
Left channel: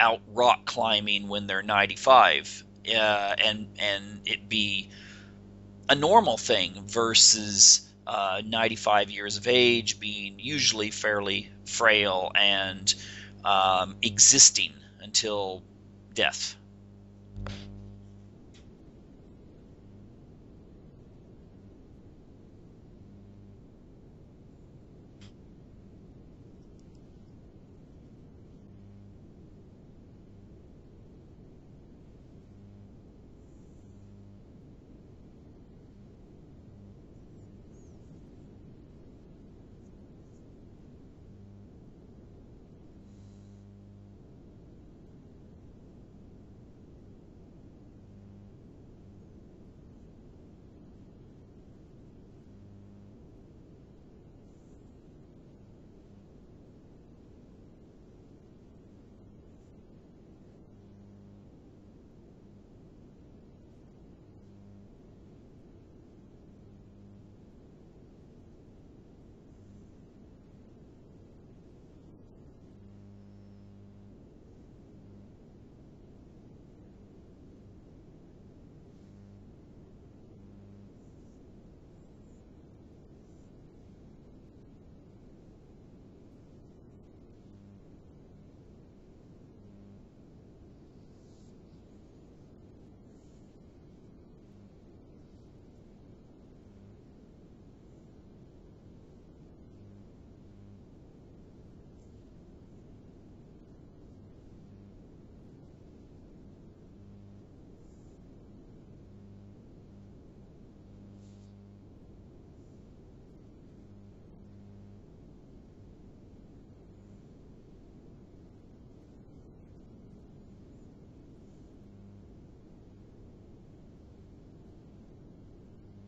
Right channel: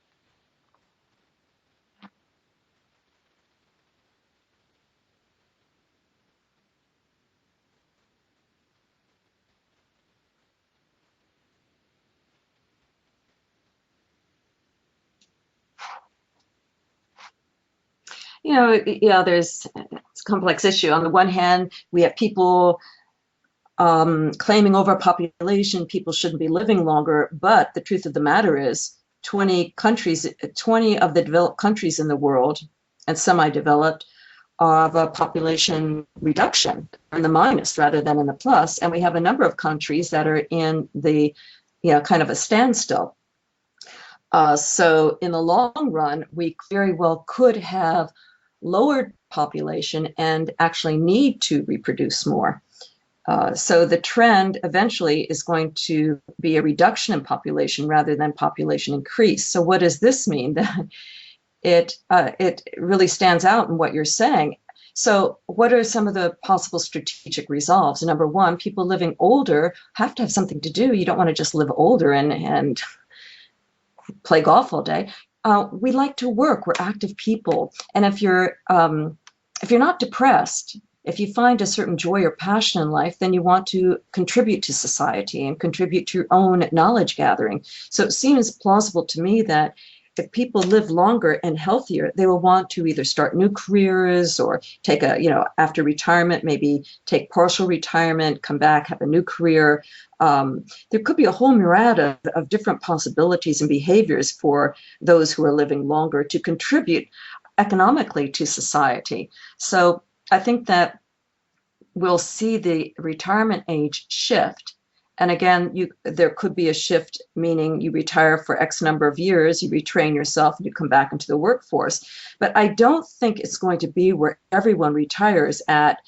out rock climbing when they're 95, and it be a normal thing versus 95 years of age being usually fairly frail and existing until death? It's a complex issue. On the one hand, we have people claiming overpopulation, people shouldn't be living longer, but the truth of the matter is 20 of the developed countries in the world and semi-developed of a population reduction, in the minus rather than in the plus, and we have a number of countries that are in the kind of a standstill. So in the long run, we very well could have lowered population and actually need to reproduce more. So the trend eventually is going to be a reduction in population rather than population increase. So what does this mean? That it really stands out in what you're saying. So, what are some of the possible strategic resolves? Number one, people living older have to have something to do. You don't want to just live older and play golf all day. We like to work. We're active people, and if you're not depressed, if you find a certain joy or passion in life, then you want to contribute to society and contribute to your own knowledge gathering. So it seems plausible to me that if people live longer and healthier, they will want to either start new careers or take after retirement, maybe take partial retirement, come back, have a new career. There could be a whole myriad of different possibilities and behaviors for those who are living longer to contribute economically to society. So I think that we'll see the retirement age shift. And again, there could be a shift, meaning you retire for X number of years, you retrain yourself, and you come back into the workforce. But I don't think it's going to be where everyone retires at,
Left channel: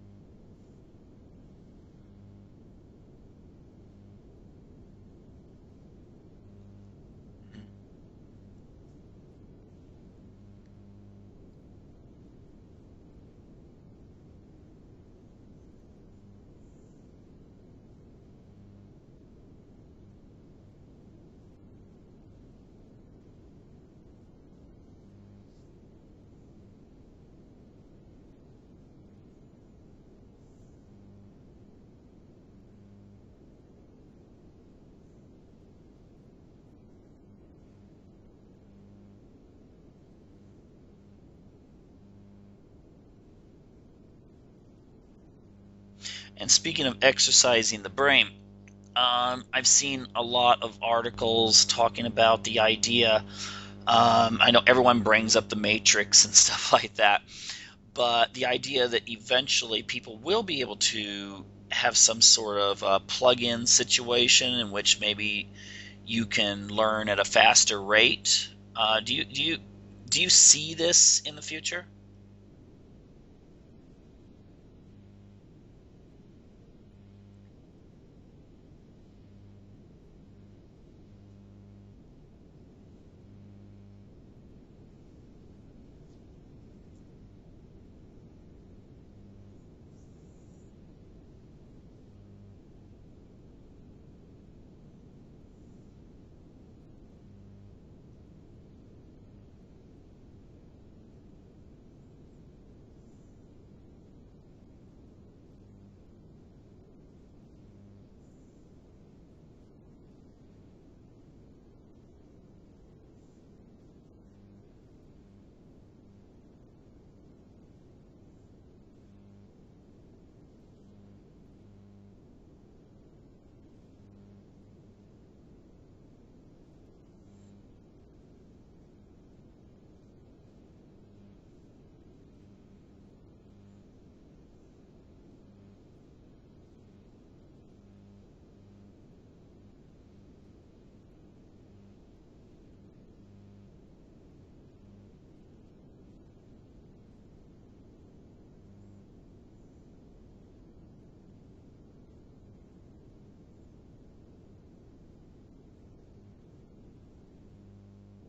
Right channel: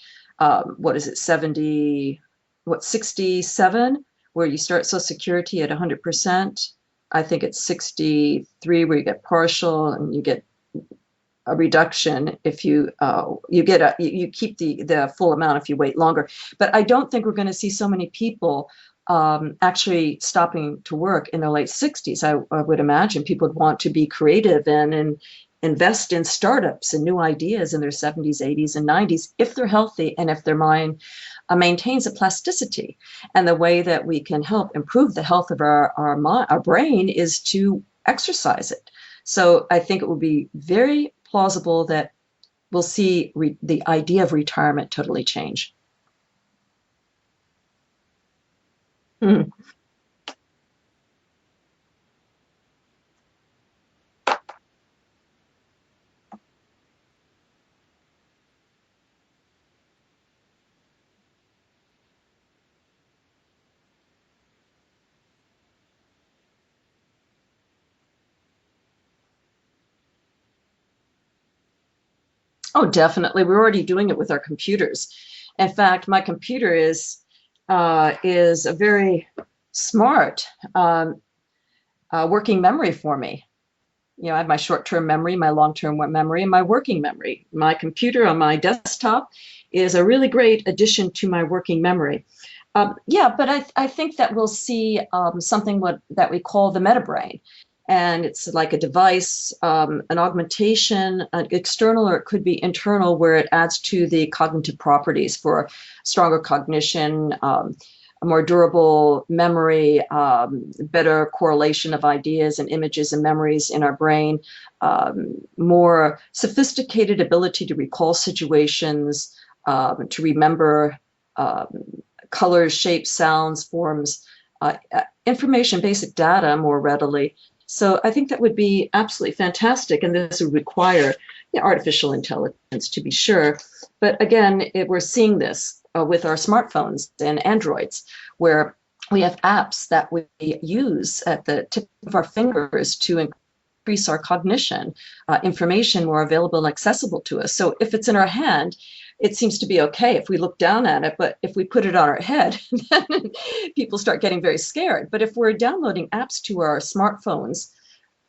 67, where you start Social Security at 100%. I think it's 63 where you get partial and you get a reduction if you keep the full amount if you wait longer. But I don't think we're going to see so many people actually stopping to work in their late 60s. I would imagine people would want to be creative and invest in startups and new ideas in their 70s, 80s, and 90s if they're healthy and if their mind maintains a plasticity. And the way that we can help improve the health of our brain is to exercise it. So I think it will be very plausible that we'll see the idea of retirement totally change. And speaking of exercising the brain, I've seen a lot of articles talking about the idea. I know everyone brings up the Matrix and stuff like that, but the idea that eventually people will be able to have some sort of plug-in situation in which maybe you can learn at a faster rate. Do you see this in the future? Oh, definitely. We're already doing it with our computers. In fact, my computer is a very smart working memory for me. I have my short-term memory, my long-term memory, and my working memory. My computer on my desktop is a really great addition to my working memory. But I think that we'll see something that we call the meta brain. And it's like a device, an augmentation, an external, or it could be internal, where it adds to the cognitive properties for stronger cognition, a more durable memory, better correlation of ideas and images and memories in our brain, more sophisticated ability to recall situations, to remember colors, shapes, sounds, forms, information, basic data more readily. So I think that would be absolutely fantastic, and this would require artificial intelligence to be sure. But again, we're seeing this with our smartphones and Androids, where we have apps that we use at the tip of our fingers to increase our cognition, information more available and accessible to us. So if it's in our hand, it seems to be okay if we look down at it, but if we put it on our head, then people start getting very scared. But if we're downloading apps to our smartphones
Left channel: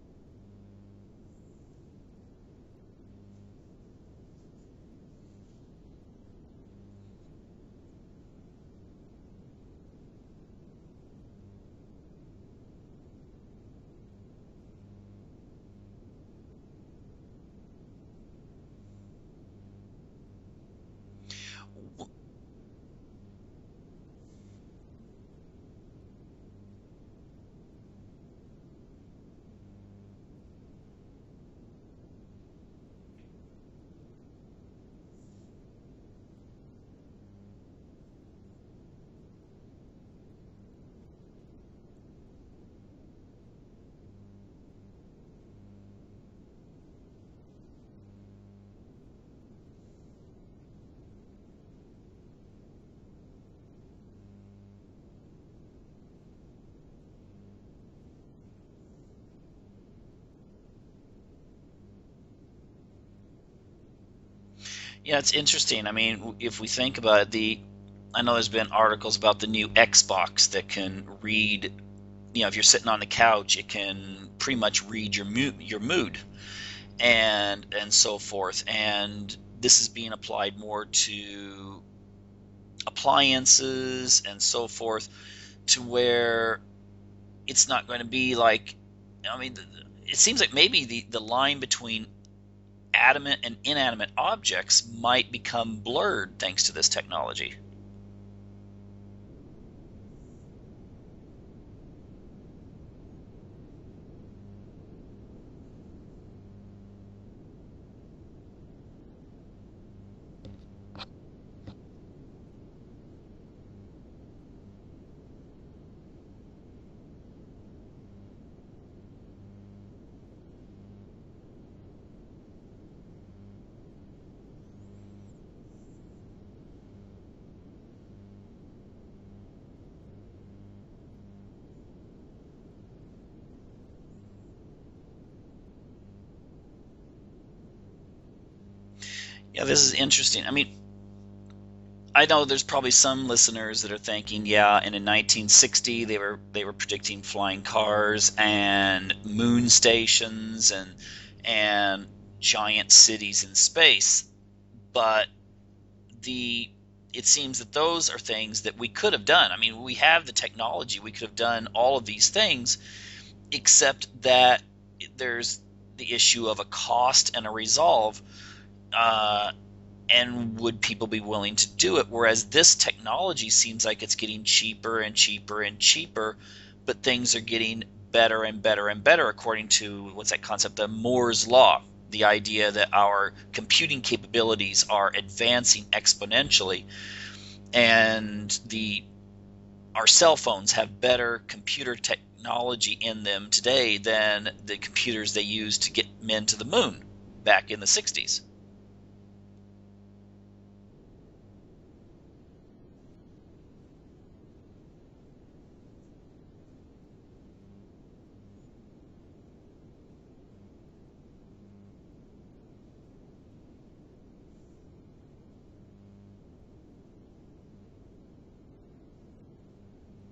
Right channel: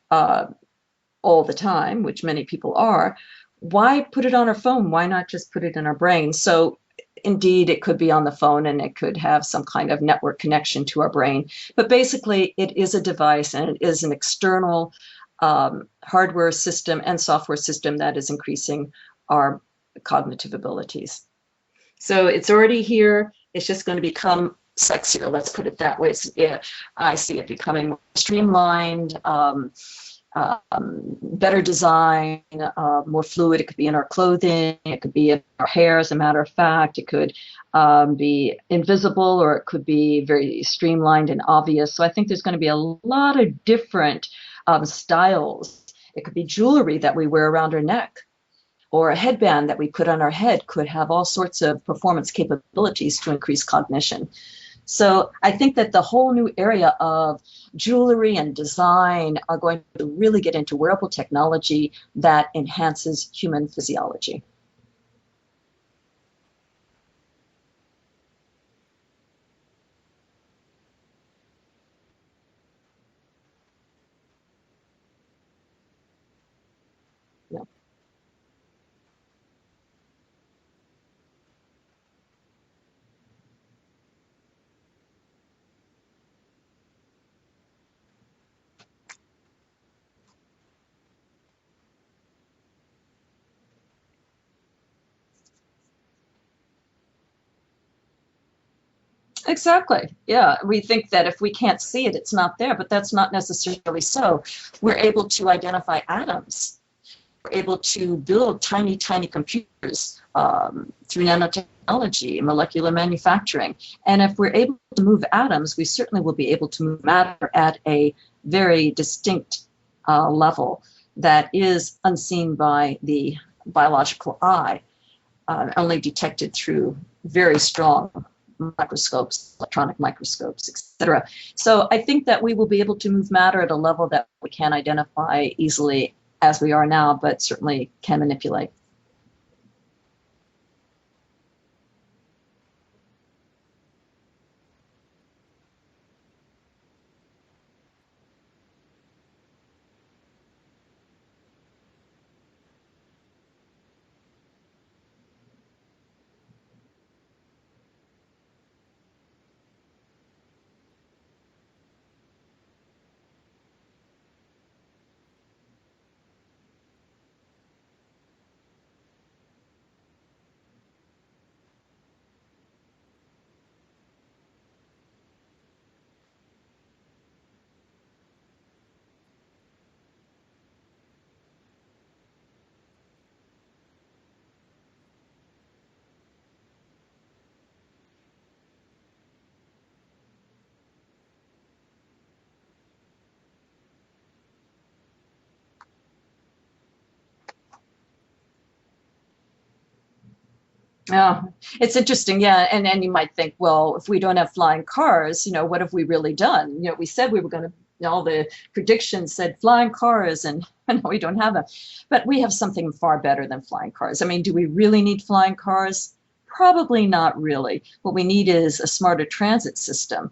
all the time, which many people are, why put it on our phone? Why not just put it in our brain? So indeed, it could be on the phone and it could have some kind of network connection to our brain. But basically, it is a device and it is an external hardware system and software system that is increasing our cognitive abilities. So it's already here. It's just going to become sexier. Let's put it that way. I see it becoming more streamlined, better design, more fluid. It could be in our clothing. It could be in our hair, as a matter of fact. It could be invisible, or it could be very streamlined and obvious. So I think there's going to be a lot of different styles. It could be jewelry that we wear around our neck, or a headband that we put on our head could have all sorts of performance capabilities to increase cognition. So I think that the whole new area of jewelry and design are going to really get into wearable technology that enhances human physiology. Yeah, it's interesting. I mean, if we think about it, I know there's been articles about the new Xbox that can read, if you're sitting on the couch, it can pretty much read your mood and so forth. And this is being applied more to appliances and so forth, to where it's not going to be like, I mean, it seems like maybe the line between adamant and inanimate objects might become blurred thanks to this technology. Exactly. Yeah. We think that if we can't see it, it's not there, but that's not necessarily so. We're able to identify atoms. We're able to build tiny, tiny computers through nanotechnology, molecular manufacturing. And if we're able to move atoms, we certainly will be able to move matter at a very distinct level that is unseen by the biological eye, only detected through very strong microscopes, electronic microscopes, etc. So I think that we will be able to move matter at a level that we can't identify easily as we are now, but certainly can manipulate. Yeah, this is interesting. I mean, I know there's probably some listeners that are thinking, yeah, and in 1960 they were predicting flying cars and moon stations and giant cities in space, but the it seems that those are things that we could have done. I mean, we have the technology, we could have done all of these things, except that there's the issue of a cost and a resolve. And would people be willing to do it? Whereas this technology seems like it's getting cheaper and cheaper and cheaper, but things are getting better and better and better, according to what's that concept of Moore's law, the idea that our computing capabilities are advancing exponentially, and our cell phones have better computer technology in them today than the computers they used to get men to the moon back in the 60s. Yeah, it's interesting. Yeah, and you might think, well, if we don't have flying cars, what have we really done? We said we were going to. All the predictions said flying cars, and we don't have them. But we have something far better than flying cars. I mean, do we really need flying cars? Probably not really. What we need is a smarter transit system.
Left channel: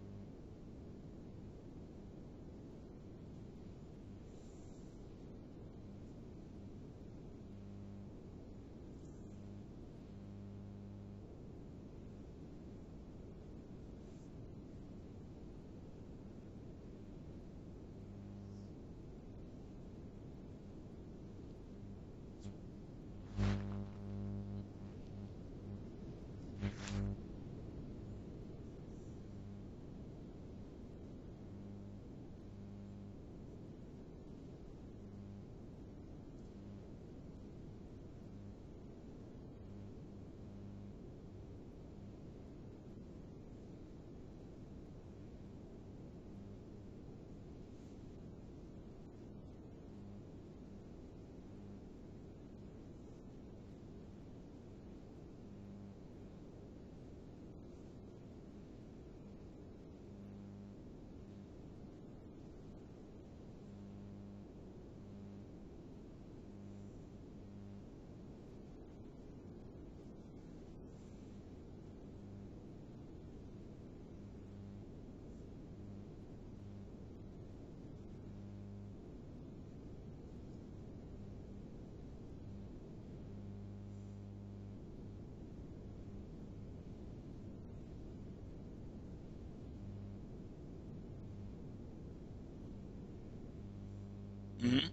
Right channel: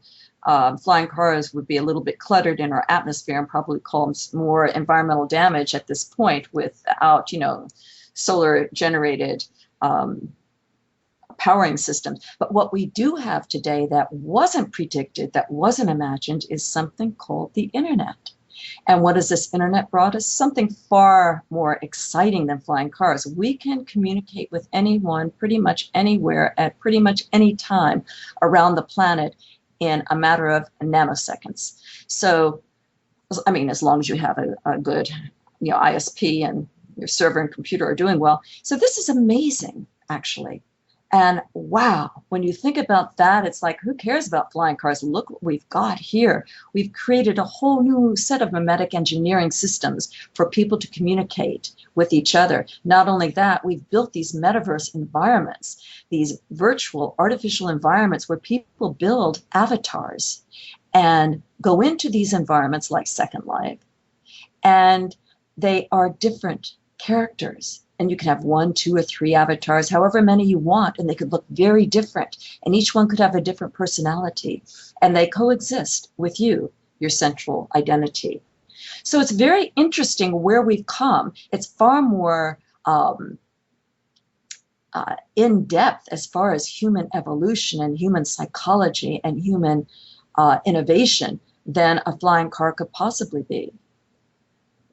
Flying cars would be a little bit cluttered in our atmosphere and probably cause more environmental damage at this point without, solar generated powering systems. But what we do have today that wasn't predicted, that wasn't imagined, is something called the internet. And what has this internet brought us? Something far more exciting than flying cars. We can communicate with anyone pretty much anywhere at pretty much any time around the planet in a matter of nanoseconds. So, I mean, as long as you have a good, ISP and your server and computer are doing well. So this is amazing, actually. And wow, when you think about that, it's like, who cares about flying cars? Look what we've got here. We've created a whole new set of memetic engineering systems for people to communicate with each other. Not only that, we've built these metaverse environments, these virtual artificial environments where people build avatars and go into these environments like Second Life. And they are different characters. And you can have 1, 2, or 3 avatars, however many you want, and they could look very different. And each one could have a different personality. And they coexist with you, your central identity. So it's very interesting where we've come. It's far more in depth as far as human evolution and human psychology and human innovation than a flying car could possibly be.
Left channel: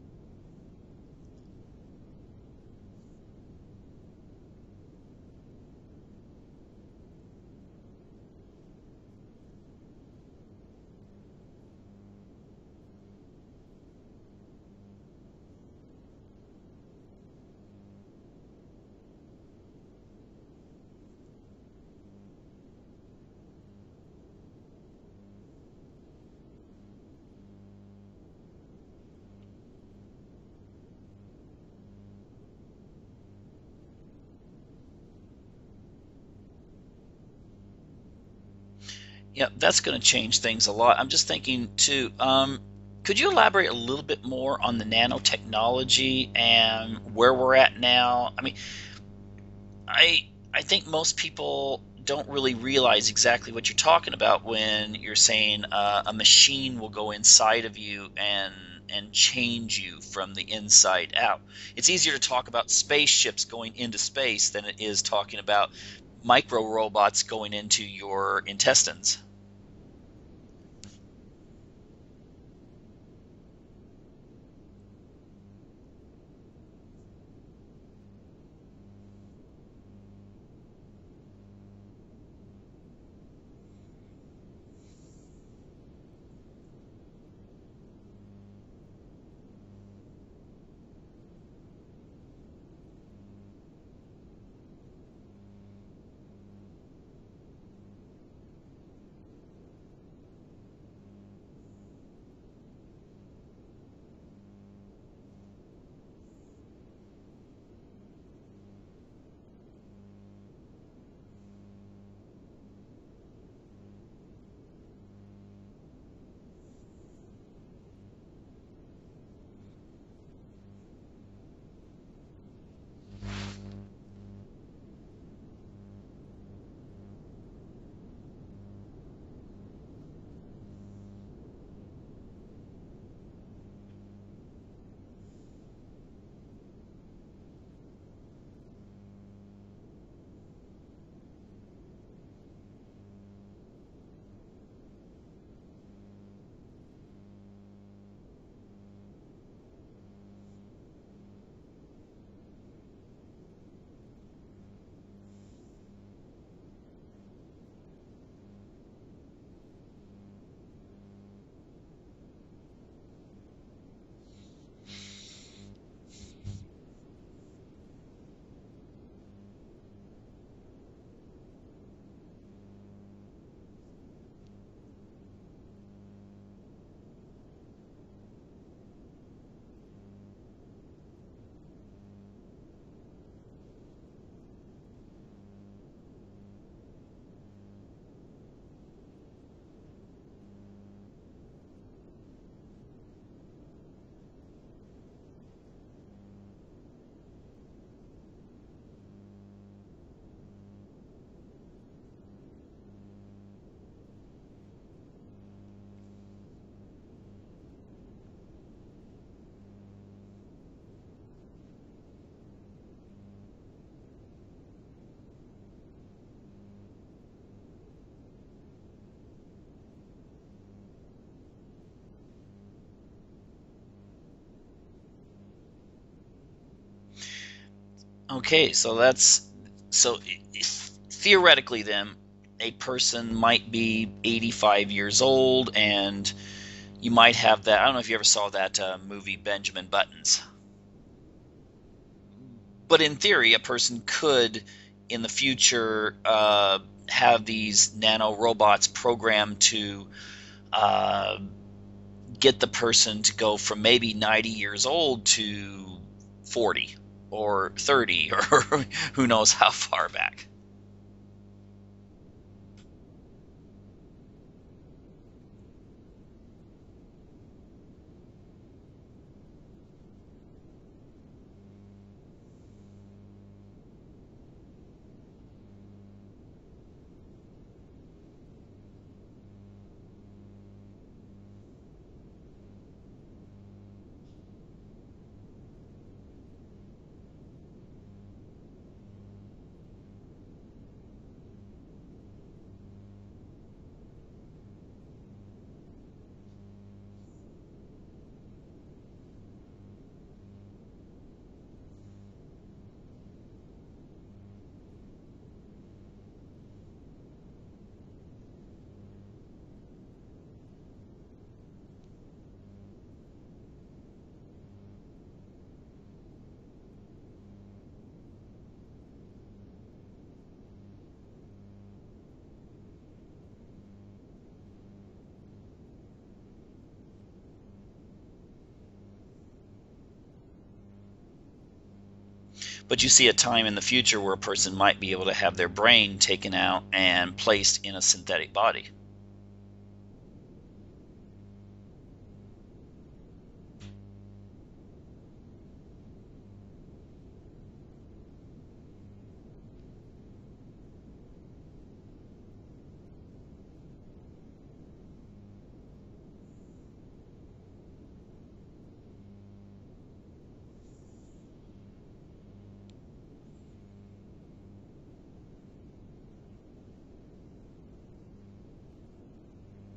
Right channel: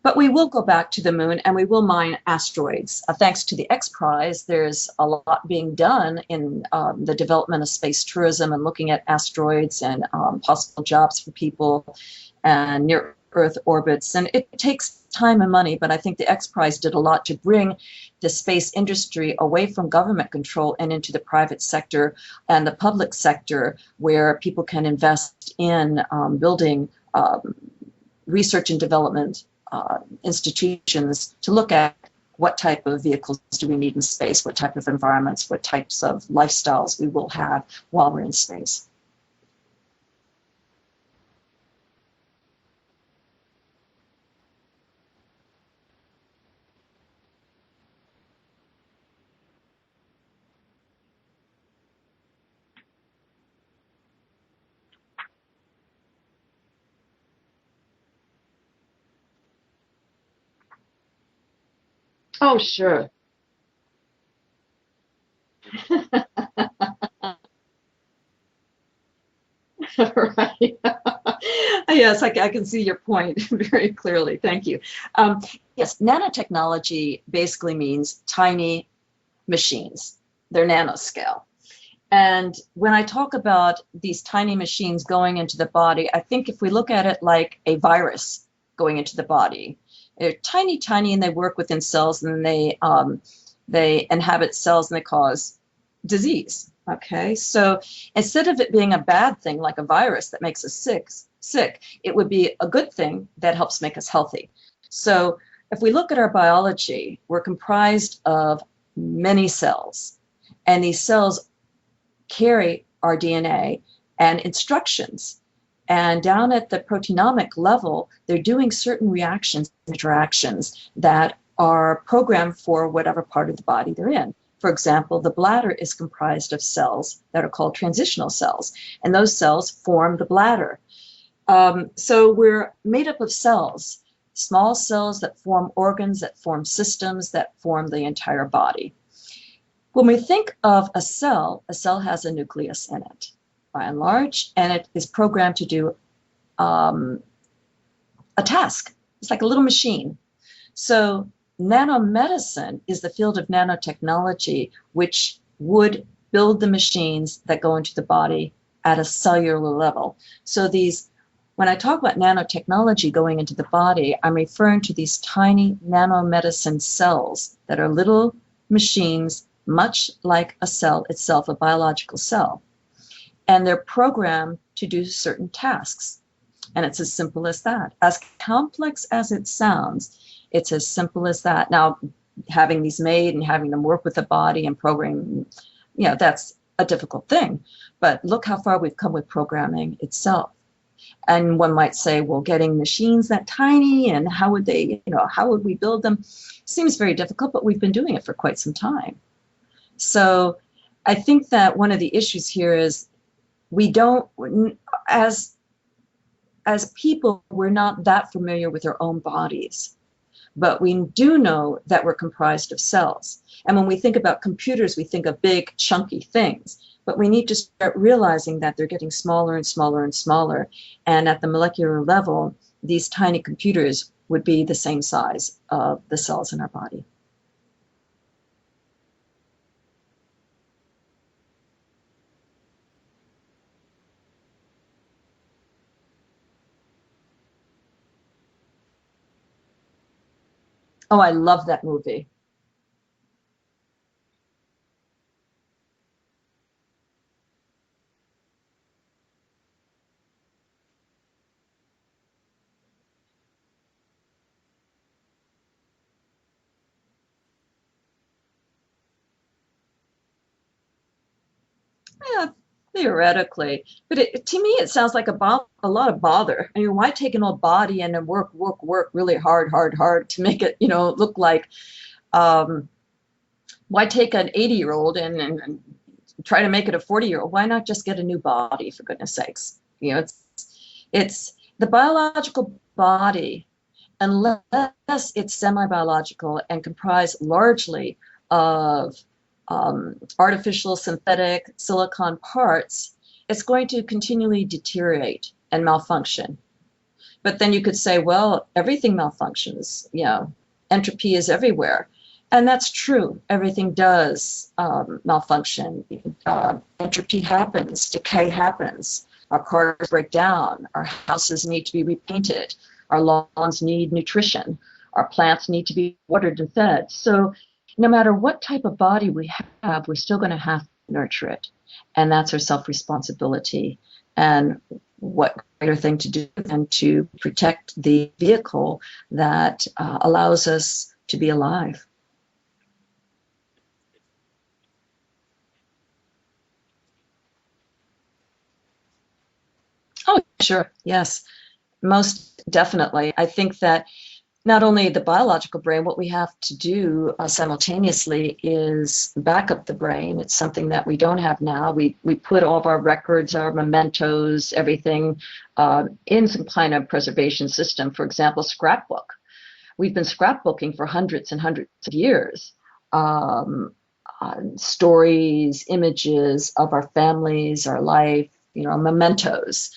But we will go back to the moon and we will mine asteroids. Thanks to the X Prize, there's a lot being done in the development of space tourism and looking at asteroids and possible jobs for people and near Earth orbits. And it takes time and money, but I think the X Prize did a lot to bring the space industry away from government control and into the private sector and the public sector, where people can invest in building research and development institutions to look at what type of vehicles do we need in space, what type of environments, what types of lifestyles we will have while we're in space. Yeah, that's going to change things a lot. I'm just thinking too, could you elaborate a little bit more on the nanotechnology and where we're at now? I mean, I think most people don't really realize exactly what you're talking about when you're saying a machine will go inside of you and and change you from the inside out. It's easier to talk Oh, about sure. spaceships going into space than it is talking about micro robots going into your intestines. Right. Yes, I can see your point very clearly. Thank you. Um, yes, nanotechnology basically means tiny machines. They're nanoscale. And when I talk about these tiny machines going into the body, I think if we look at it like a virus going into the body, they're tiny, tiny, and they work within cells, and they inhabit cells and they cause disease. Okay, so instead of it being a bad thing like a virus that makes us sick, it would be a good thing that helps make us healthy. So if we look at our biology, we're comprised of many cells, and these cells carry our DNA and instructions. And down at the proteinomic level, they're doing certain reactions, interactions that are programmed for whatever part of the body they're in. For example, the bladder is comprised of cells that are called transitional cells, and those cells form the bladder. So we're made up of cells, small cells that form organs, that form systems, that form the entire body. When we think of a cell has a nucleus in it, by and large, and it is programmed to do a task. It's like a little machine. So nanomedicine is the field of nanotechnology, which would build the machines that go into the body at a cellular level. So when I talk about nanotechnology going into the body, I'm referring to these tiny nanomedicine cells that are little machines, much like a cell itself, a biological cell. And they're programmed to do certain tasks. And it's as simple as that. As complex as it sounds, it's as simple as that. Now, having these made and having them work with the body and programming, that's a difficult thing. But look how far we've come with programming itself. And one might say, well, getting machines that tiny and how would we build them? Seems very difficult, but we've been doing it for quite some time. So I think that one of the issues here is we don't, as people, we're not that familiar with our own bodies, but we do know that we're comprised of cells. And when we think about computers, we think of big, chunky things, but we need to start realizing that they're getting smaller and smaller and smaller. And at the molecular level, these tiny computers would be the same size of the cells in our body. Okay, so theoretically then, a person might be 85 years old and you might have that. I don't know if you ever saw that movie Benjamin Buttons. Oh, I love that movie. But in theory, a person could, in the future, have these nano robots programmed to get the person to go from maybe 90 years old to 40 or 30 or who knows how far back. Yeah, theoretically. But to me, it sounds like a lot of bother. I mean, why take an old body and then work really hard to make it, look like, why take an 80-year-old and try to make it a 40-year-old? Why not just get a new body, for goodness sakes? It's the biological body, unless it's semi-biological and comprised largely of artificial, synthetic, silicon parts, it's going to continually deteriorate and malfunction. But then you could say, well, everything malfunctions. Entropy is everywhere. And that's true. Everything does malfunction. Entropy happens, decay happens. Our cars break down. Our houses need to be repainted. Our lawns need nutrition. Our plants need to be watered and fed. So no matter what type of body we have, we're still going to have to nurture it. And that's our self-responsibility. And what greater thing to do than to protect the vehicle that allows us to be alive. But you see a time in the future where a person might be able to have their brain taken out and placed in a synthetic body. Oh, sure. Yes, most definitely. I think that not only the biological brain, what we have to do simultaneously is back up the brain. It's something that we don't have now. We put all of our records, our mementos, everything in some kind of preservation system. For example, scrapbook. We've been scrapbooking for hundreds and hundreds of years. Um, Stories, images of our families, our life, mementos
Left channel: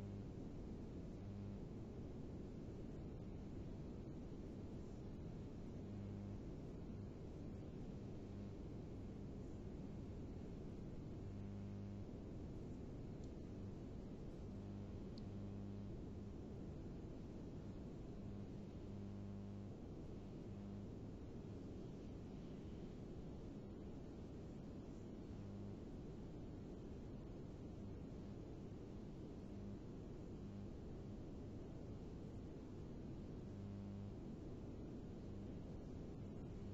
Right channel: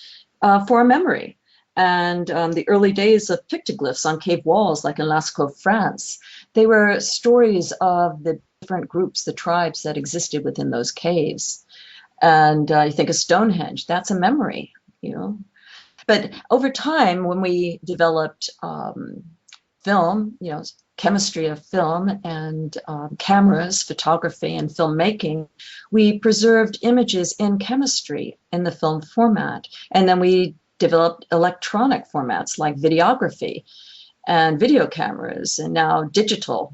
for a memory. And the early days of pictoglyphs on cave walls, like in Lascaux, France, they were stories of the different groups, the tribes that existed within those caves. And you think of Stonehenge, that's a memory, you know. But over time, when we developed film, chemistry of film and cameras, photography, and filmmaking, we preserved images in chemistry in the film format. And then we developed electronic formats like videography and video cameras, and now digital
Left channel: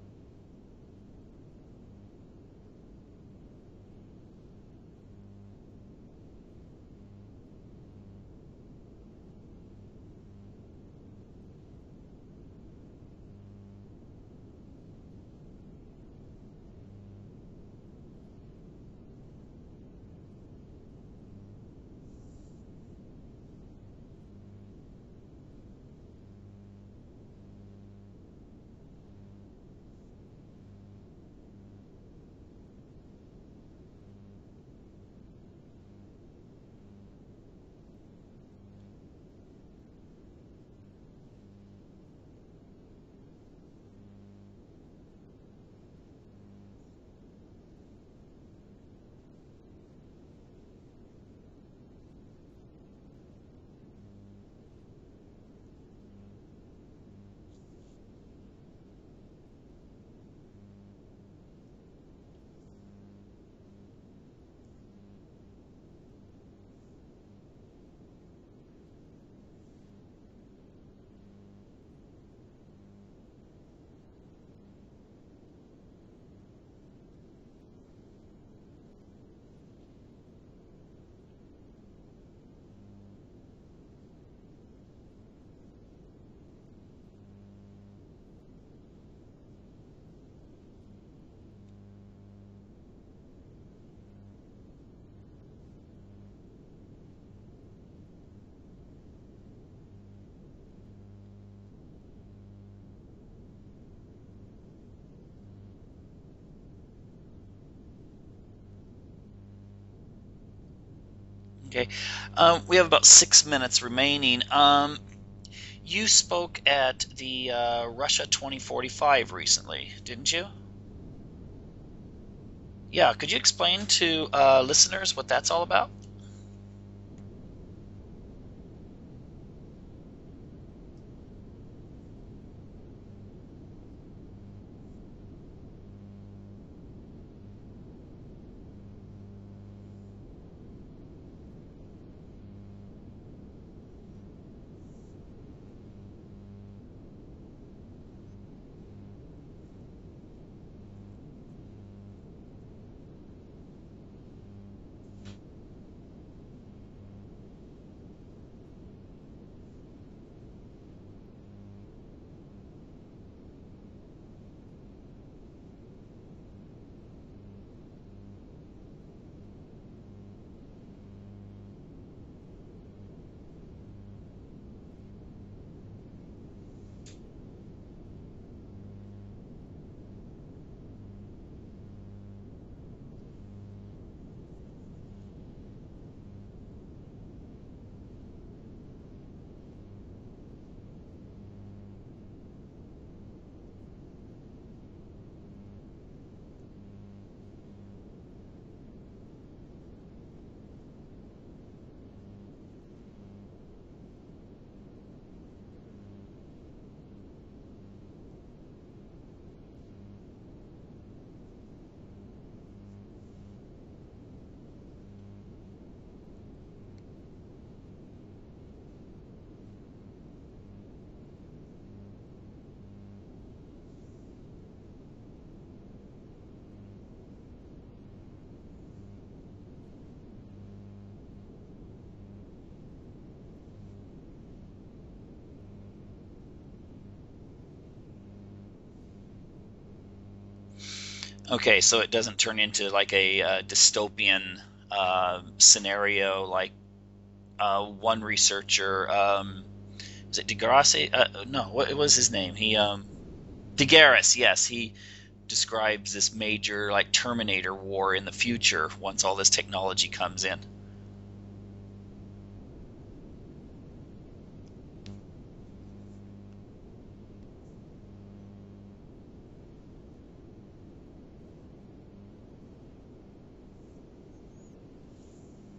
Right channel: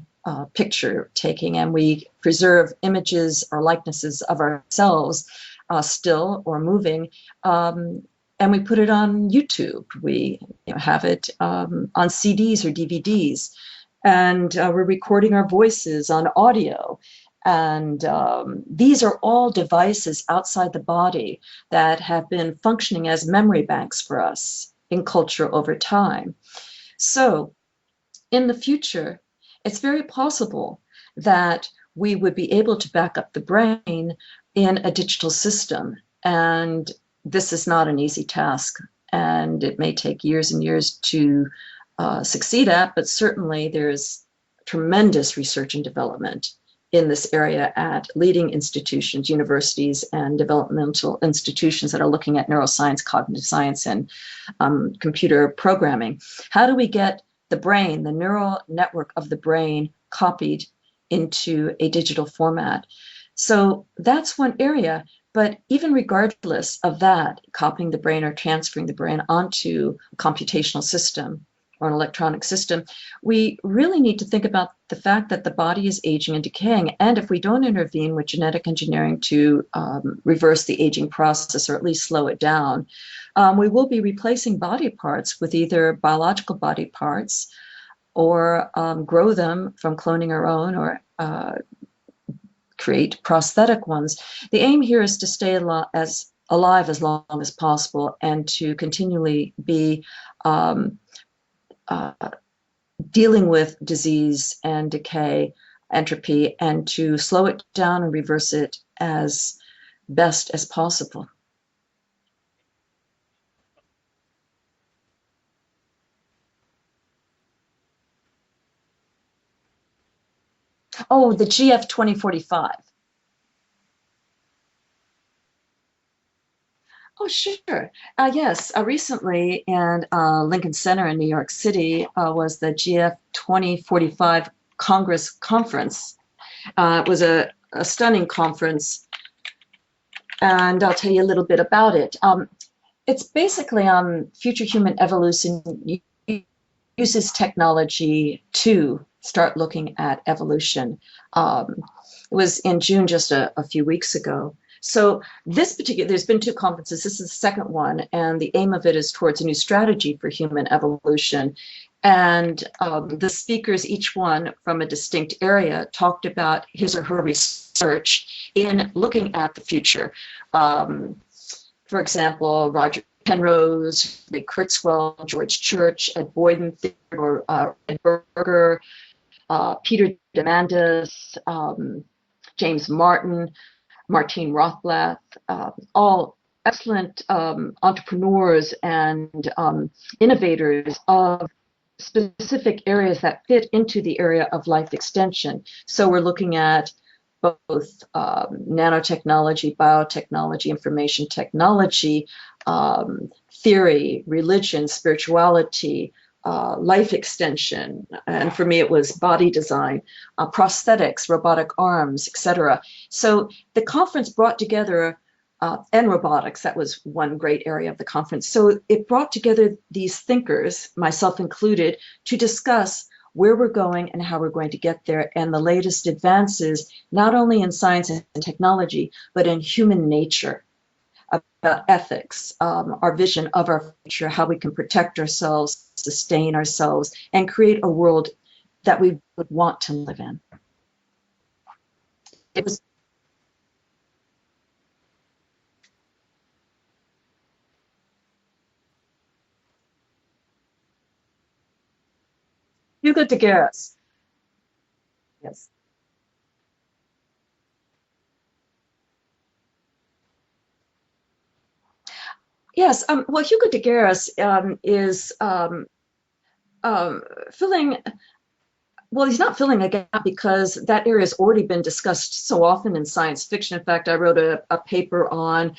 picture taking. And we preserve images or likenesses of ourselves, still or moving. And we put it on YouTube. We have it on CDs or DVDs. And we're recording our voices on audio. And these are all devices outside the body that have been functioning as memory banks for us in culture over time. So in the future, it's very possible that we would be able to back up the brain in a digital system. And this is not an easy task, and it may take years and years to succeed at, but certainly there's tremendous research and development in this area at leading institutions, universities, and developmental institutions that are looking at neuroscience, cognitive science, and computer programming. How do we get the brain, the neural network of the brain, copied into a digital format? So that's one area. But even regardless of that, copying the brain or transferring the brain onto a computational system or an electronic system, we really need to think about the fact that the body is aging and decaying. And if we don't intervene with genetic engineering to reverse the aging process or at least slow it down, we will be replacing body parts with either biological body parts or grow them from cloning our own or create prosthetic ones. The aim here is to stay alive as long as possible and to continually be dealing with disease and decay, entropy, and to slow it down and reverse it as best as possible. Okay. We have about 6 minutes remaining. You spoke at the Russia 2045 recently, didn't you? Oh, the GF 2045. Yeah, could you explain to listeners what that's all about? Oh, sure. Yes, recently in Lincoln Center in New York City was the GF 2045 Congress Conference. It was a stunning conference, and I'll tell you a little bit about it. It's basically on future human evolution uses technology to start looking at evolution. It was in June, just a few weeks ago. So there's been two conferences. This is the second one, and the aim of it is towards a new strategy for human evolution. And the speakers, each one from a distinct area, talked about his or her research in looking at the future. For example, Roger Penrose, Ray Kurzweil, George Church, Ed Boyden, Theodore Ed Berger, Peter Diamandis, James Martin, Martine Rothblatt, all excellent entrepreneurs and innovators of specific areas that fit into the area of life extension. So we're looking at both nanotechnology, biotechnology, information technology, theory, religion, spirituality, life extension, and for me it was body design, prosthetics, robotic arms, etc. So the conference brought together, and robotics, that was one great area of the conference. So it brought together these thinkers, myself included, to discuss where we're going and how we're going to get there, and the latest advances, not only in science and technology, but in human nature. about ethics, our vision of our future, how we can protect ourselves, sustain ourselves, and create a world that we would want to live in. Okay, so it doesn't turn It was, into like a dystopian scenario like one researcher, is it deGrasse? No, what was his name? Hugo de Garis. deGrasse, yes. He Yes. describes this major like Terminator war in the future once all this technology comes in. Yes. Well, Hugo de Garis is filling. Well, he's not filling a gap because that area has already been discussed so often in science fiction. In fact, I wrote a paper on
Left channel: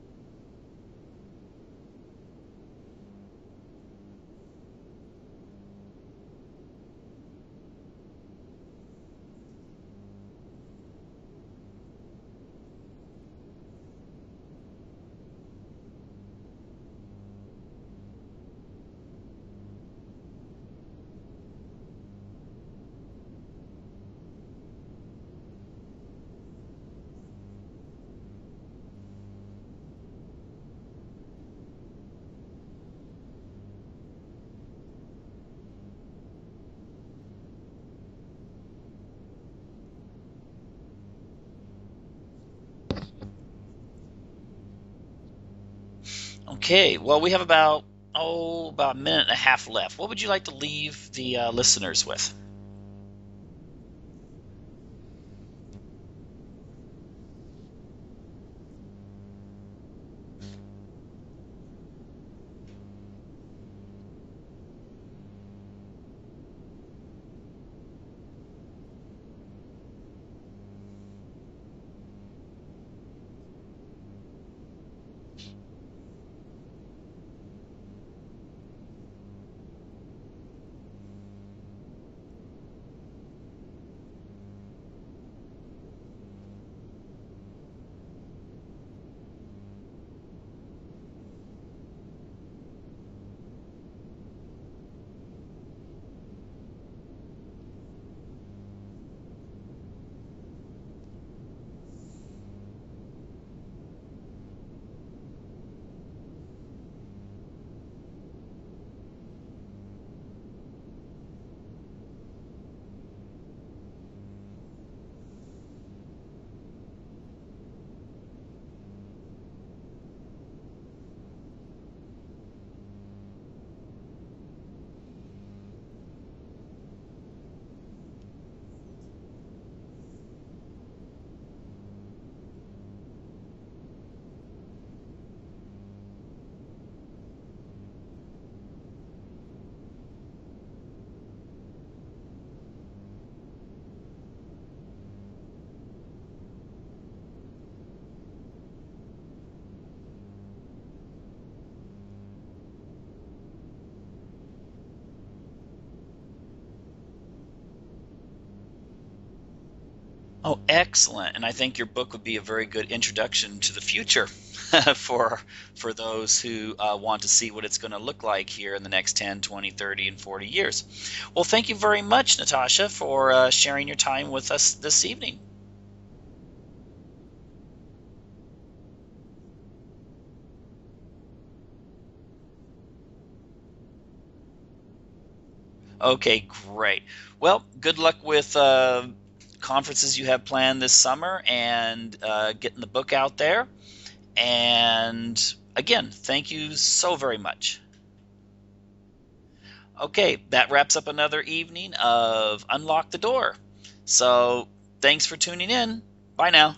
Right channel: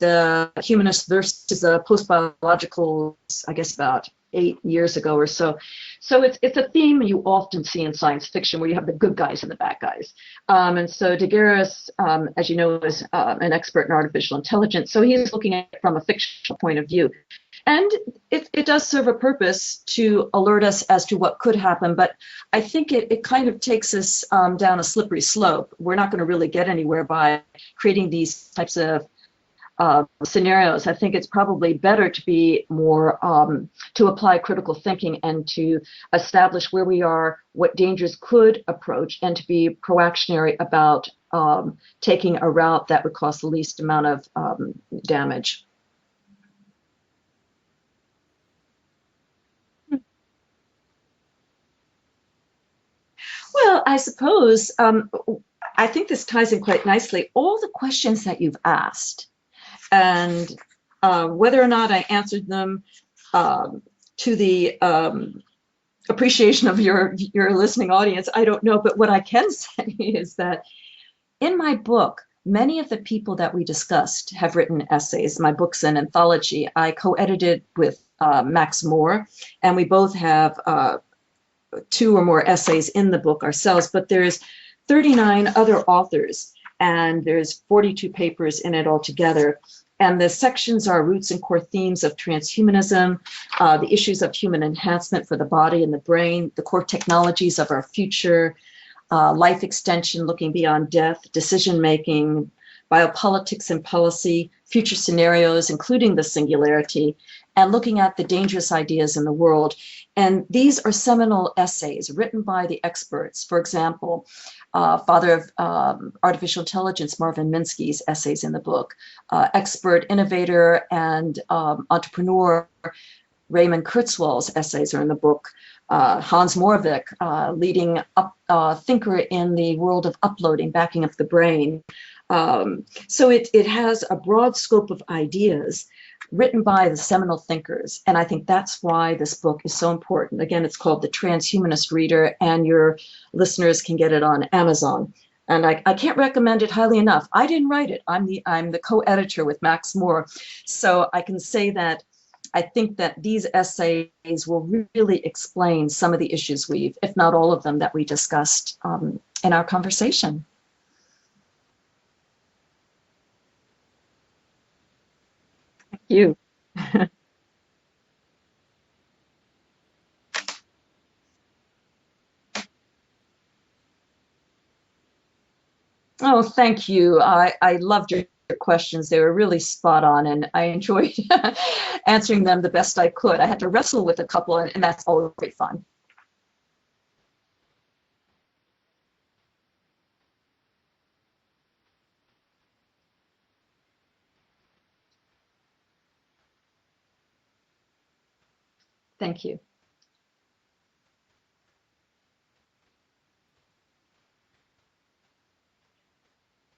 the humanist versus the post-biological, I guess about 8 years ago or so. So it's a theme you often see in science fiction where you have the good guys and the bad guys. And so Degueris, as you know, is an expert in artificial intelligence. So he's looking at it from a fictional point of view. And it does serve a purpose to alert us as to what could happen, but I think it kind of takes us down a slippery slope. We're not going to really get anywhere by creating these types of scenarios. I think it's probably better to be more to apply critical thinking and to establish where we are, what dangers could approach, and to be proactionary about taking a route that would cause the least amount of damage. Okay, well, we have about a minute and a half left. What would you like to leave the listeners with? Well, I suppose I think this ties in quite nicely. All the questions that you've asked, and whether or not I answered them to the appreciation of your listening audience, I don't know. But what I can say is that in my book, many of the people that we discussed have written essays. My book's an anthology. I co-edited with Max Moore, and we both have two or more essays in the book ourselves, but there's 39 other authors, and there's 42 papers in it altogether. And the sections are roots and core themes of transhumanism, the issues of human enhancement for the body and the brain, the core technologies of our future, life extension, looking beyond death, decision making, biopolitics and policy, future scenarios, including the singularity, and looking at the dangerous ideas in the world. And these are seminal essays written by the experts. For example, father of artificial intelligence, Marvin Minsky's essays in the book, expert innovator and entrepreneur Raymond Kurzweil's essays are in the book. Hans Moravec, leading thinker in the world of uploading, backing up the brain. So it has a broad scope of ideas written by the seminal thinkers. And I think that's why this book is so important. Again, it's called The Transhumanist Reader, and your listeners can get it on Amazon. And I can't recommend it highly enough. I didn't write it. I'm the co-editor with Max Moore. So I can say that I think that these essays will really explain some of the issues if not all of them, that we discussed in our conversation. Oh, excellent. And I think your book would be a very good introduction to the future for those who want to see what it's going to look like here in the next 10, 20, 30, and 40 years. Well, thank you very much, Natasha, for sharing your time with us this evening. Oh, thank you. I loved your questions. They were really spot on, and I enjoyed answering them the best I could. I had to wrestle with a couple, and that's always great fun. Okay, great. Well, good luck with conferences you have planned this summer and getting the book out there. And again, thank you so very much. Thank you. Okay, that wraps up another evening of Unlock the Door. So thanks for tuning in. Bye now.